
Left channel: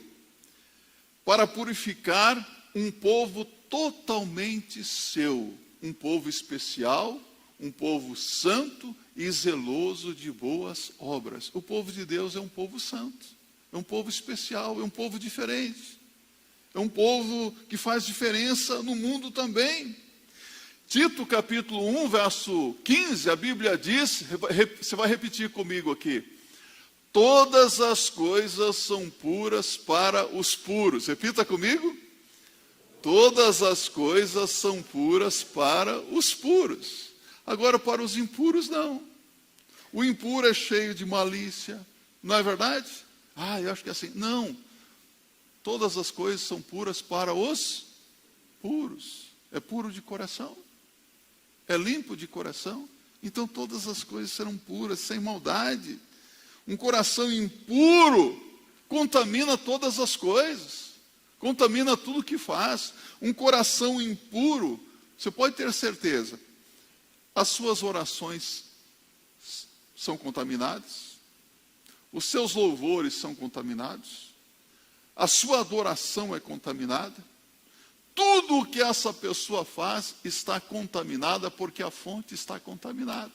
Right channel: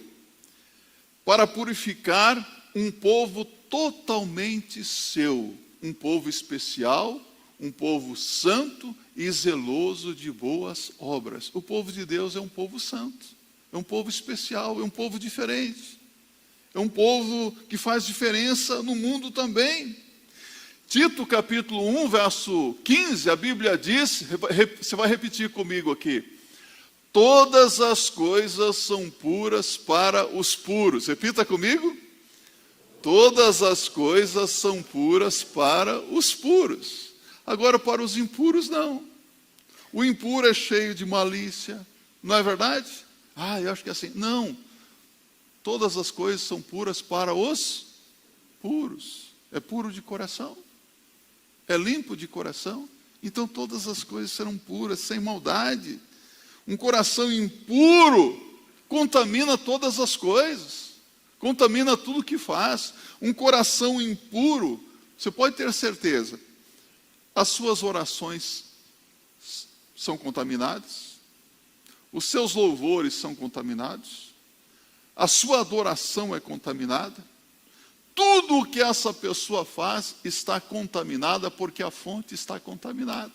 para purificar um povo totalmente seu, um povo especial, um povo santo e zeloso de boas obras. O povo de Deus é um povo santo, é um povo especial, é um povo diferente. É um povo que faz diferença no mundo também. Tito capítulo 1, verso 15, a Bíblia diz, você vai repetir comigo aqui: todas as coisas são puras para os puros. Repita comigo. Todas as coisas são puras para os puros. Agora, para os impuros, não. O impuro é cheio de malícia, não é verdade? Eu acho que é assim. Não. Todas as coisas são puras para os puros. É puro de coração. É limpo de coração. Então todas as coisas serão puras, sem maldade. Um coração impuro contamina todas as coisas. Contamina tudo que faz. Um coração impuro, você pode ter certeza, as suas orações são contaminadas. Os seus louvores são contaminados. A sua adoração é contaminada. Tudo o que essa pessoa faz está contaminada, porque a fonte está contaminada.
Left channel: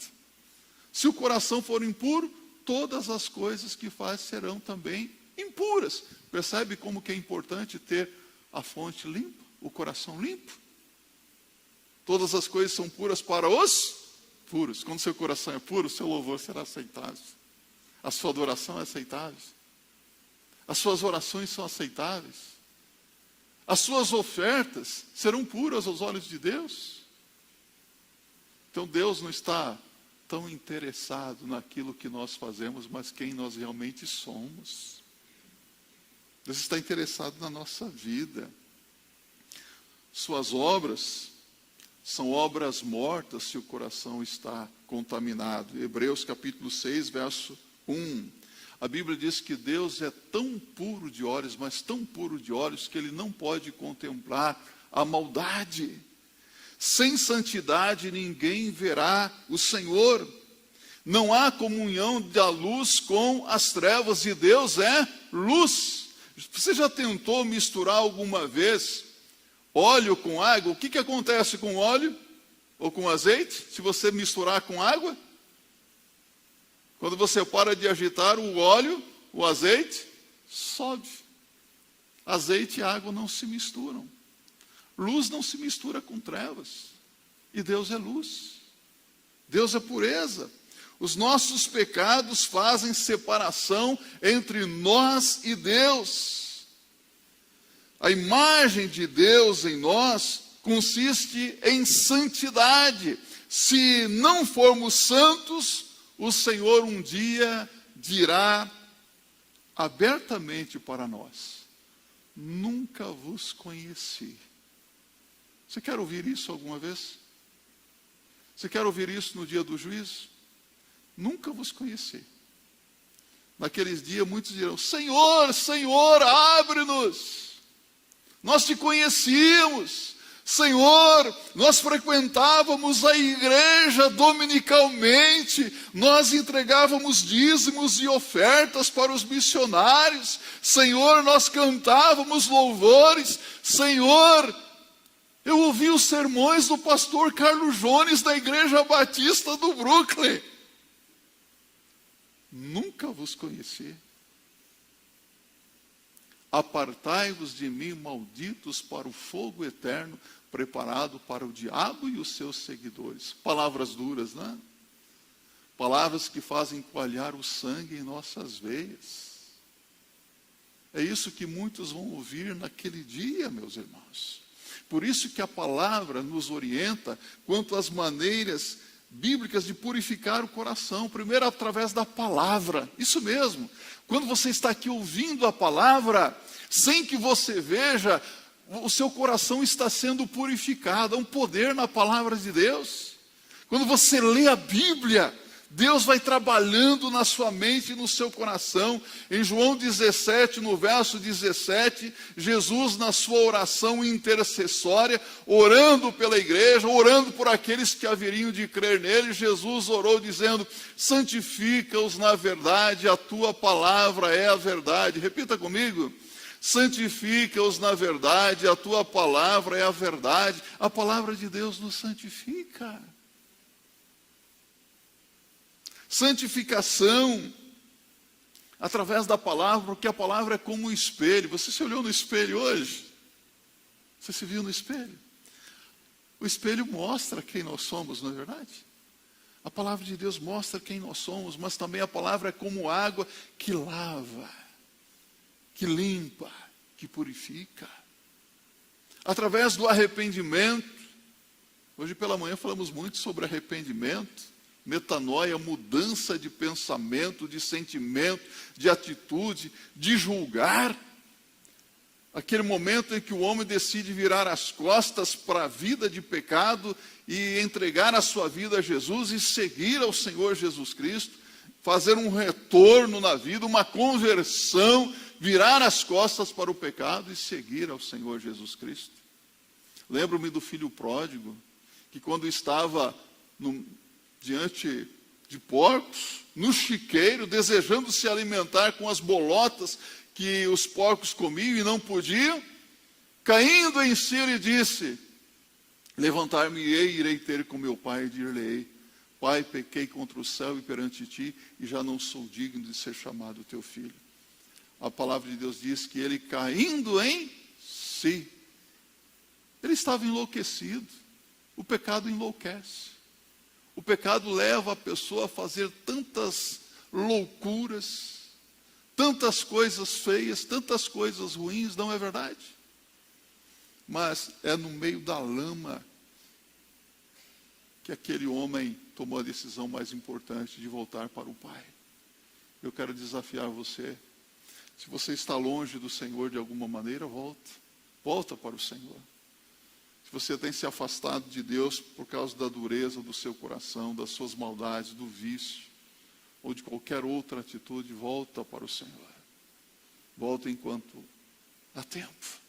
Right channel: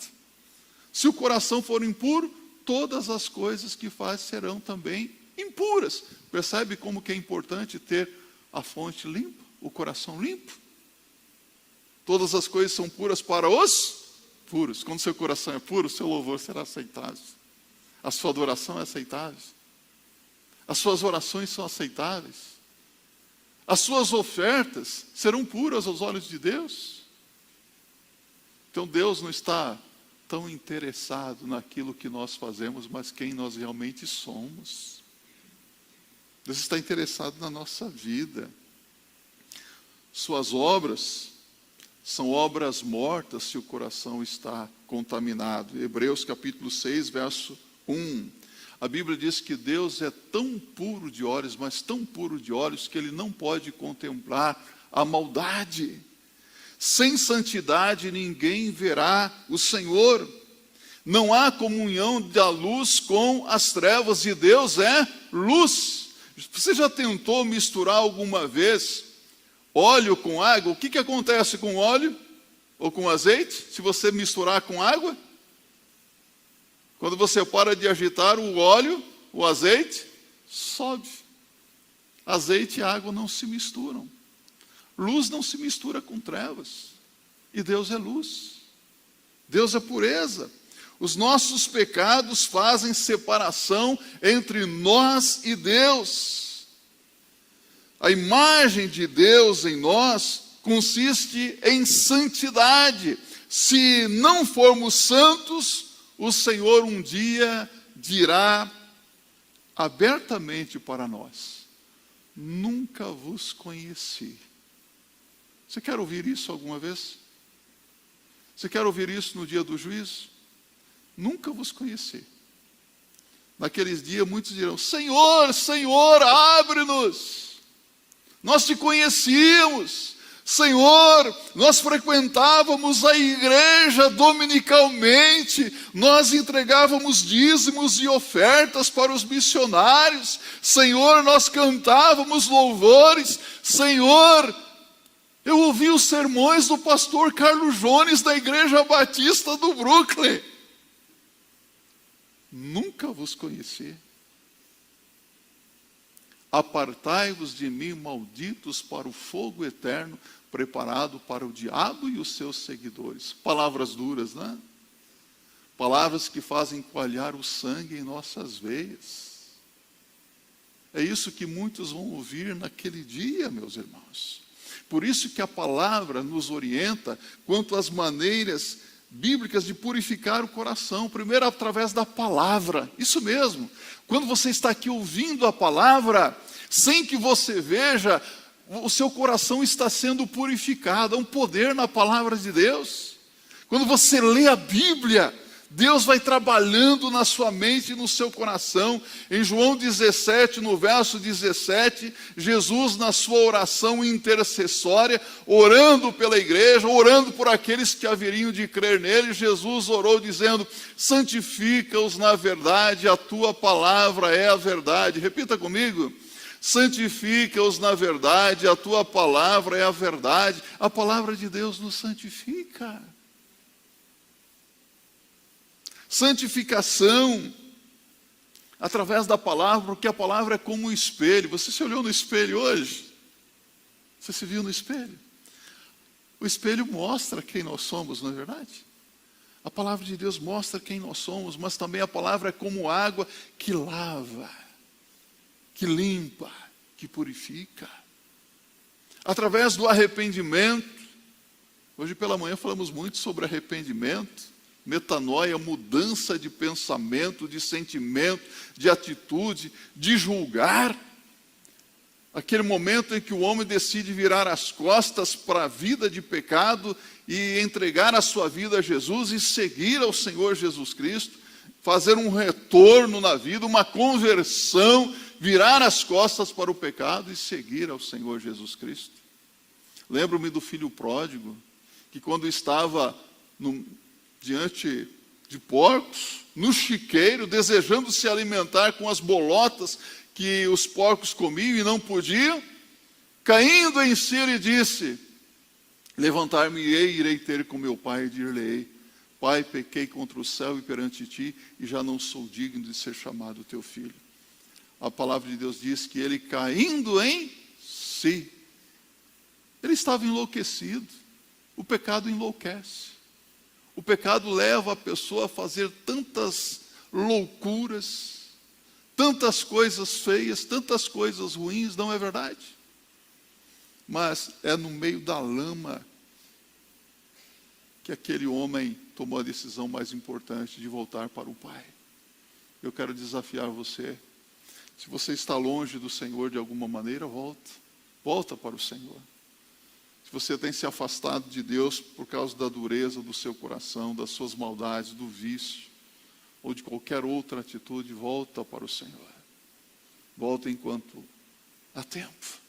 Se o coração for impuro, todas as coisas que faz serão também impuras. Percebe como que é importante ter a fonte limpa, o coração limpo? Todas as coisas são puras para os puros. Quando seu coração é puro, seu louvor será aceitável. A sua adoração é aceitável. As suas orações são aceitáveis. As suas ofertas serão puras aos olhos de Deus. Então Deus não está tão interessado naquilo que nós fazemos, mas quem nós realmente somos. Deus está interessado na nossa vida. Suas obras são obras mortas se o coração está contaminado. Hebreus capítulo 6, verso 1. A Bíblia diz que Deus é tão puro de olhos, mas tão puro de olhos, que Ele não pode contemplar a maldade. Sem santidade ninguém verá o Senhor. Não há comunhão da luz com as trevas, e Deus é luz. Você já tentou misturar alguma vez óleo com água? O que acontece com óleo ou com azeite se você misturar com água? Quando você para de agitar o óleo, o azeite sobe. Azeite e água não se misturam. Luz não se mistura com trevas. E Deus é luz. Deus é pureza. Os nossos pecados fazem separação entre nós e Deus. A imagem de Deus em nós consiste em santidade. Se não formos santos, o Senhor um dia dirá abertamente para nós: nunca vos conheci. Você quer ouvir isso alguma vez? Você quer ouvir isso no dia do juízo? Nunca vos conheci. Naqueles dias muitos dirão: Senhor, Senhor, abre-nos. Nós te conhecíamos. Senhor, nós frequentávamos a igreja dominicalmente, nós entregávamos dízimos e ofertas para os missionários. Senhor, nós cantávamos louvores. Senhor, eu ouvi os sermões do pastor Carlos Jones da Igreja Batista do Brooklyn. Nunca vos conheci. Apartai-vos de mim, malditos, para o fogo eterno, preparado para o diabo e os seus seguidores. Palavras duras, né? Palavras que fazem coalhar o sangue em nossas veias. É isso que muitos vão ouvir naquele dia, meus irmãos. Por isso que a palavra nos orienta quanto às maneiras bíblicas de purificar o coração. Primeiro, através da palavra. Isso mesmo. Quando você está aqui ouvindo a palavra, sem que você veja, o seu coração está sendo purificado. Há um poder na palavra de Deus. Quando você lê a Bíblia, Deus vai trabalhando na sua mente e no seu coração. Em João 17, no verso 17, Jesus, na sua oração intercessória, orando pela igreja, orando por aqueles que haveriam de crer nele, Jesus orou dizendo: santifica-os na verdade, a tua palavra é a verdade. Repita comigo: santifica-os na verdade, a tua palavra é a verdade. A palavra de Deus nos santifica. Santificação através da palavra, porque a palavra é como um espelho. Você se olhou no espelho hoje? Você se viu no espelho? O espelho mostra quem nós somos, não é verdade? A palavra de Deus mostra quem nós somos, mas também a palavra é como água que lava, que limpa, que purifica. Através do arrependimento, hoje pela manhã falamos muito sobre arrependimento, metanoia, mudança de pensamento, de sentimento, de atitude, de julgar. Aquele momento em que o homem decide virar as costas para a vida de pecado e entregar a sua vida a Jesus e seguir ao Senhor Jesus Cristo, fazer um retorno na vida, uma conversão, virar as costas para o pecado e seguir ao Senhor Jesus Cristo. Lembro-me do filho pródigo, que quando estava diante de porcos, no chiqueiro, desejando se alimentar com as bolotas que os porcos comiam e não podiam, caindo em si, ele disse: levantar-me-ei, irei ter com meu pai e dir-lhe-ei: Pai, pequei contra o céu e perante ti, e já não sou digno de ser chamado teu filho. A palavra de Deus diz que ele, caindo em si, ele estava enlouquecido. O pecado enlouquece. O pecado leva a pessoa a fazer tantas loucuras, tantas coisas feias, tantas coisas ruins, não é verdade? Mas é no meio da lama que aquele homem tomou a decisão mais importante de voltar para o Pai. Eu quero desafiar você. Se você está longe do Senhor de alguma maneira, volta para o Senhor. Se você tem se afastado de Deus por causa da dureza do seu coração, das suas maldades, do vício, ou de qualquer outra atitude, volta para o Senhor. Volta enquanto há tempo.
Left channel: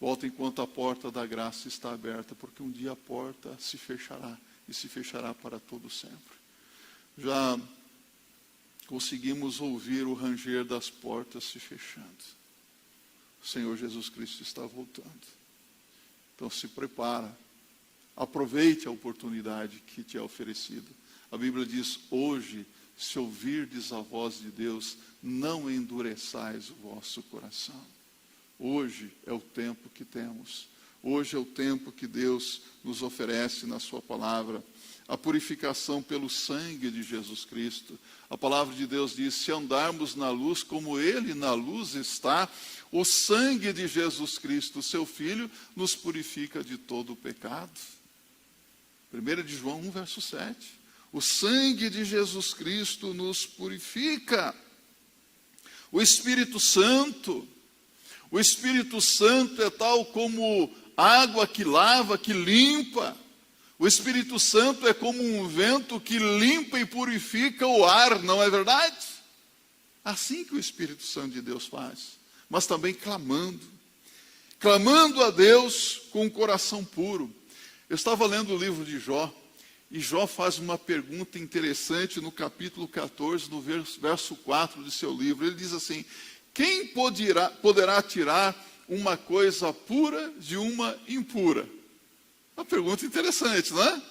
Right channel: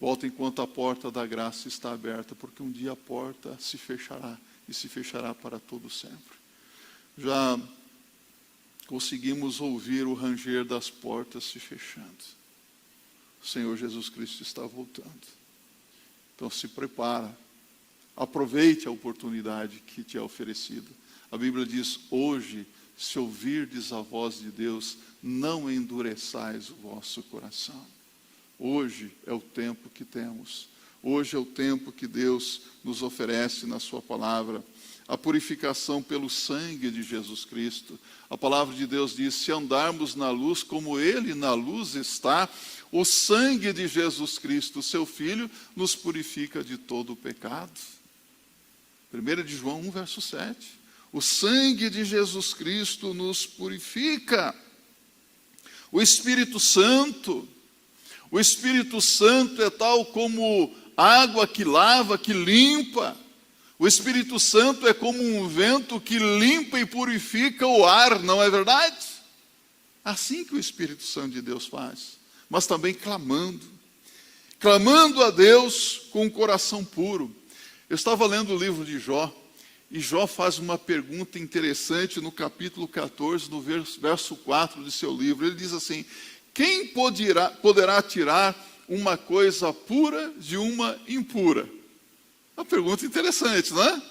Volta enquanto a porta da graça está aberta, porque um dia a porta se fechará, e se fechará para todo sempre. Já conseguimos ouvir o ranger das portas se fechando. O Senhor Jesus Cristo está voltando. Então se prepara, aproveite a oportunidade que te é oferecida. A Bíblia diz: hoje, se ouvirdes a voz de Deus, não endureçais o vosso coração. Hoje é o tempo que temos. Hoje é o tempo que Deus nos oferece na sua palavra. A purificação pelo sangue de Jesus Cristo. A palavra de Deus diz: se andarmos na luz como Ele na luz está, o sangue de Jesus Cristo, seu Filho, nos purifica de todo o pecado. 1 de João 1, verso 7. O sangue de Jesus Cristo nos purifica. O Espírito Santo é tal como água que lava, que limpa. O Espírito Santo é como um vento que limpa e purifica o ar, não é verdade? Assim que o Espírito Santo de Deus faz. Mas também clamando a Deus com um coração puro. Eu estava lendo o livro de Jó, e Jó faz uma pergunta interessante no capítulo 14, no verso 4 de seu livro. Ele diz assim: quem poderá tirar uma coisa pura de uma impura? Uma pergunta interessante, não é?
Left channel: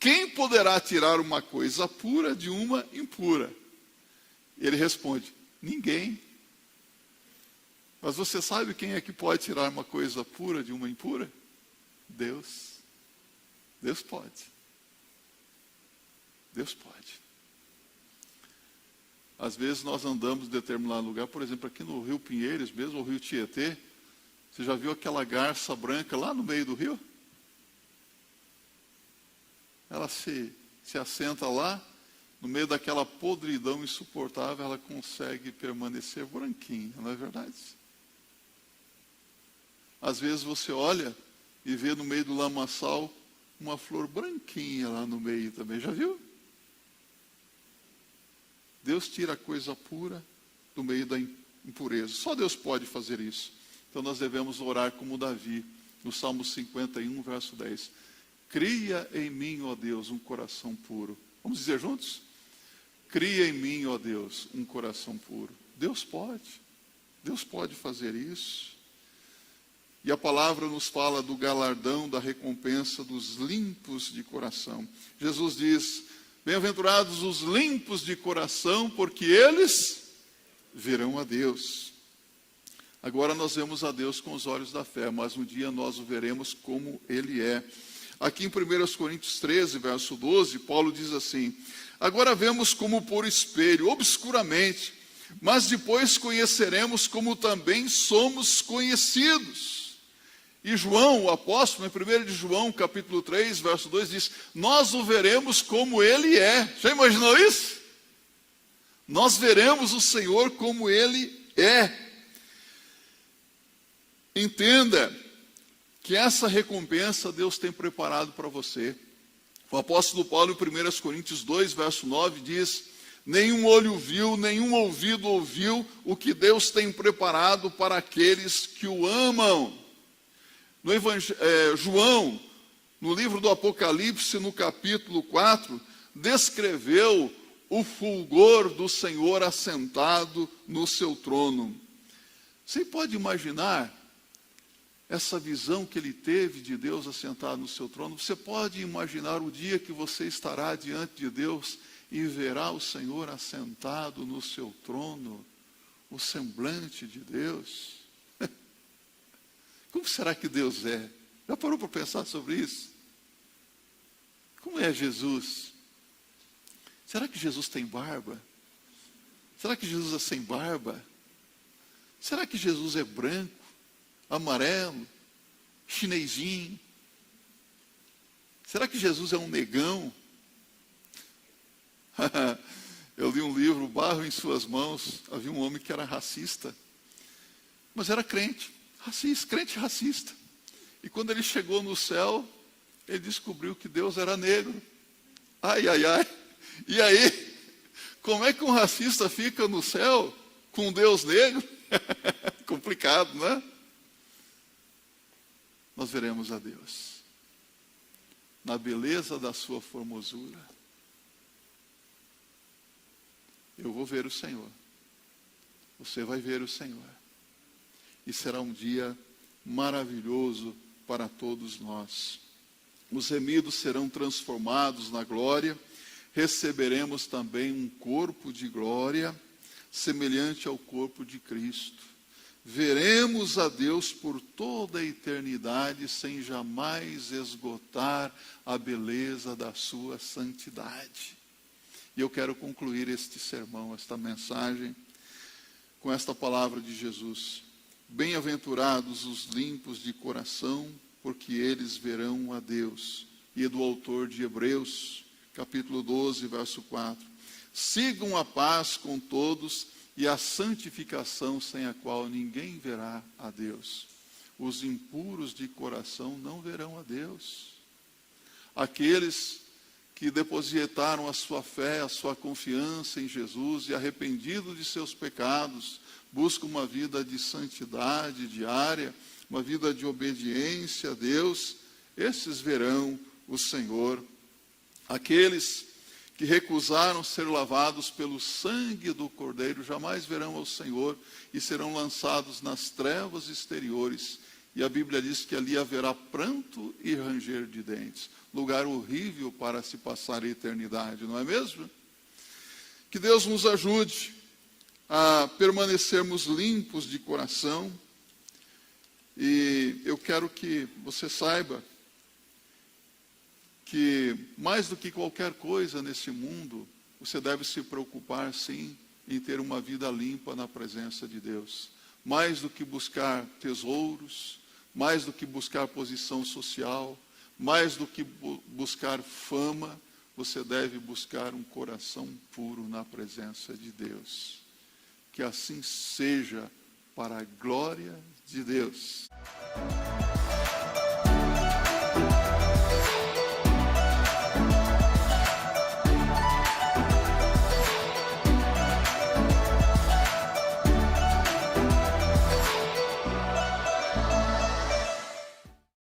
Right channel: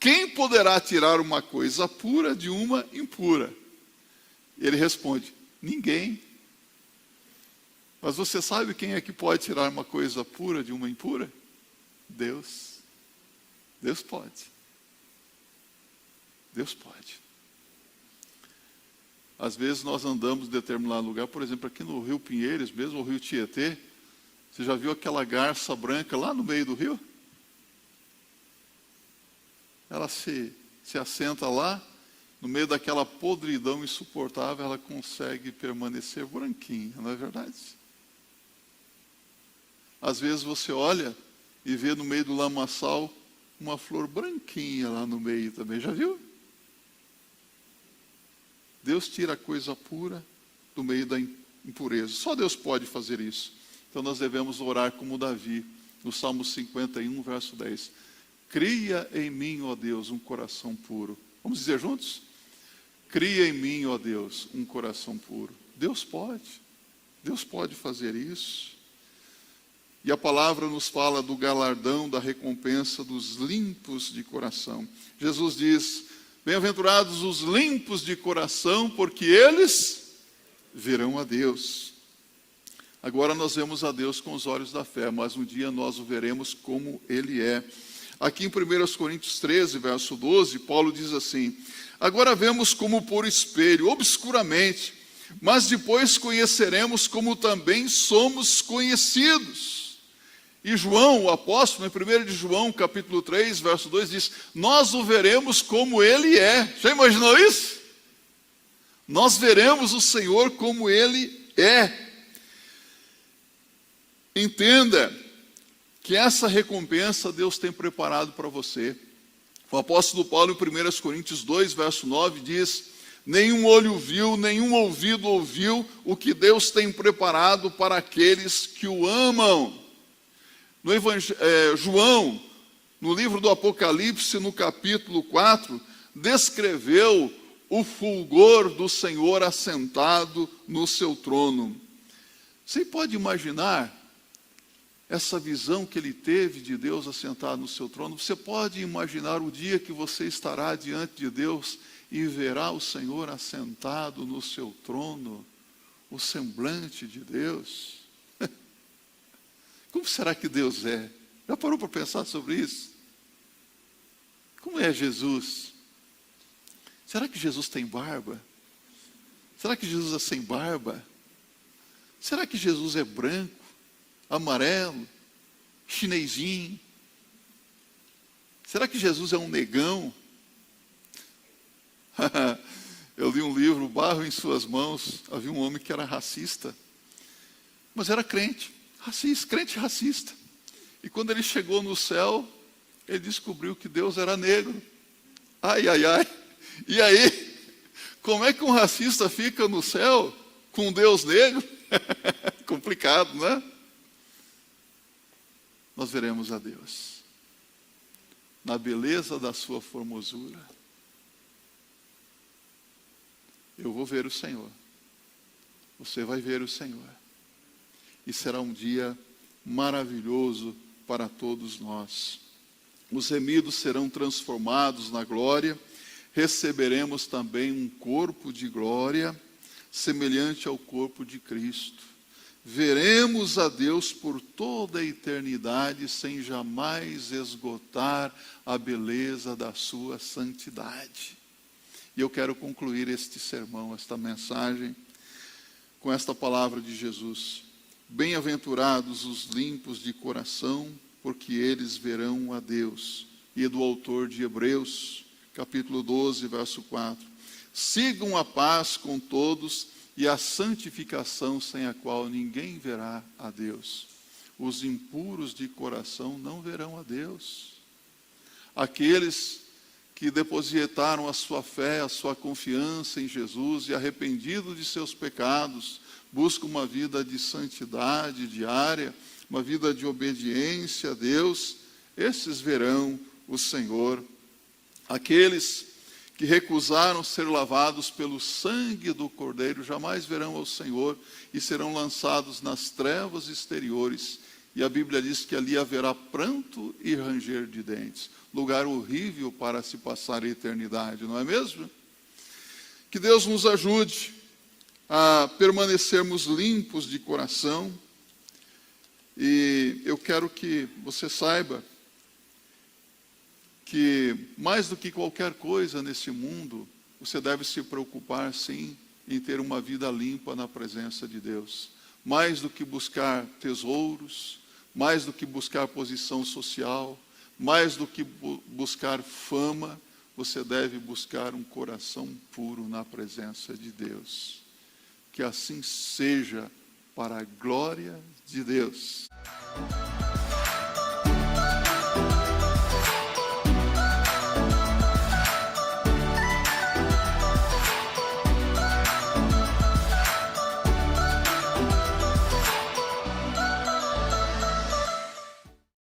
Quem poderá tirar uma coisa pura de uma impura? Ele responde: ninguém. Mas você sabe quem é que pode tirar uma coisa pura de uma impura? Deus. Deus pode. Deus pode. Às vezes nós andamos em determinado lugar, por exemplo, aqui no Rio Pinheiros, mesmo o Rio Tietê. Você já viu aquela garça branca lá no meio do rio? ela se assenta lá, no meio daquela podridão insuportável, ela consegue permanecer branquinha, não é verdade? Às vezes você olha e vê no meio do lamaçal uma flor branquinha lá no meio também, já viu? Deus tira a coisa pura do meio da impureza. Só Deus pode fazer isso. Então nós devemos orar como Davi, no Salmo 51, verso 10. Cria em mim, ó Deus, um coração puro. Vamos dizer juntos? Cria em mim, ó Deus, um coração puro. Deus pode fazer isso. E a palavra nos fala do galardão, da recompensa dos limpos de coração. Jesus diz: bem-aventurados os limpos de coração, porque eles verão a Deus. Agora nós vemos a Deus com os olhos da fé, mas um dia nós o veremos como Ele é. Aqui em 1 Coríntios 13, verso 12, Paulo diz assim: agora vemos como por espelho, obscuramente, mas depois conheceremos como também somos conhecidos. E João, o apóstolo, em 1 de João, capítulo 3, verso 2, diz: nós o veremos como Ele é. Já imaginou isso? Nós veremos o Senhor como Ele é. Entenda que essa recompensa Deus tem preparado para você. O apóstolo Paulo, em 1 Coríntios 2, verso 9, diz: nenhum olho viu, nenhum ouvido ouviu o que Deus tem preparado para aqueles que o amam. João, no livro do Apocalipse, no capítulo 4, descreveu o fulgor do Senhor assentado no seu trono. Você pode imaginar essa visão que ele teve de Deus assentado no seu trono? Você pode imaginar o dia que você estará diante de Deus e verá o Senhor assentado no seu trono, o semblante de Deus? Como será que Deus é? Já parou para pensar sobre isso? Como é Jesus? Será que Jesus tem barba? Será que Jesus é sem barba? Será que Jesus é branco, amarelo, chinesinho? Será que Jesus é um negão? Eu li um livro, Barro em Suas Mãos. Havia um homem que era racista, mas era crente racista. E quando ele chegou no céu, ele descobriu que Deus era negro. Ai. E aí, como é que um racista fica no céu com um Deus negro? Complicado, não é? Nós veremos a Deus na beleza da sua formosura. Eu vou ver o Senhor. Você vai ver o Senhor. E será um dia maravilhoso para todos nós. Os remidos serão transformados na glória. Receberemos também um corpo de glória, semelhante ao corpo de Cristo. Veremos a Deus por toda a eternidade, sem jamais esgotar a beleza da sua santidade. E eu quero concluir este sermão, esta mensagem, com esta palavra de Jesus. Bem-aventurados os limpos de coração, porque eles verão a Deus. E é do autor de Hebreus, capítulo 12, verso 4. Sigam a paz com todos e a santificação, sem a qual ninguém verá a Deus. Os impuros de coração não verão a Deus. Aqueles que depositaram a sua fé, a sua confiança em Jesus e arrependidos de seus pecados, buscam uma vida de santidade diária, uma vida de obediência a Deus, esses verão o Senhor. Aqueles que recusaram ser lavados pelo sangue do Cordeiro jamais verão o Senhor e serão lançados nas trevas exteriores. E a Bíblia diz que ali haverá pranto e ranger de dentes. Lugar horrível para se passar a eternidade, não é mesmo? Que Deus nos ajude a permanecermos limpos de coração. E eu quero que você saiba que mais do que qualquer coisa nesse mundo, você deve se preocupar sim em ter uma vida limpa na presença de Deus. Mais do que buscar tesouros, mais do que buscar posição social, mais do que buscar fama, você deve buscar um coração puro na presença de Deus. Que assim seja, para a glória de Deus.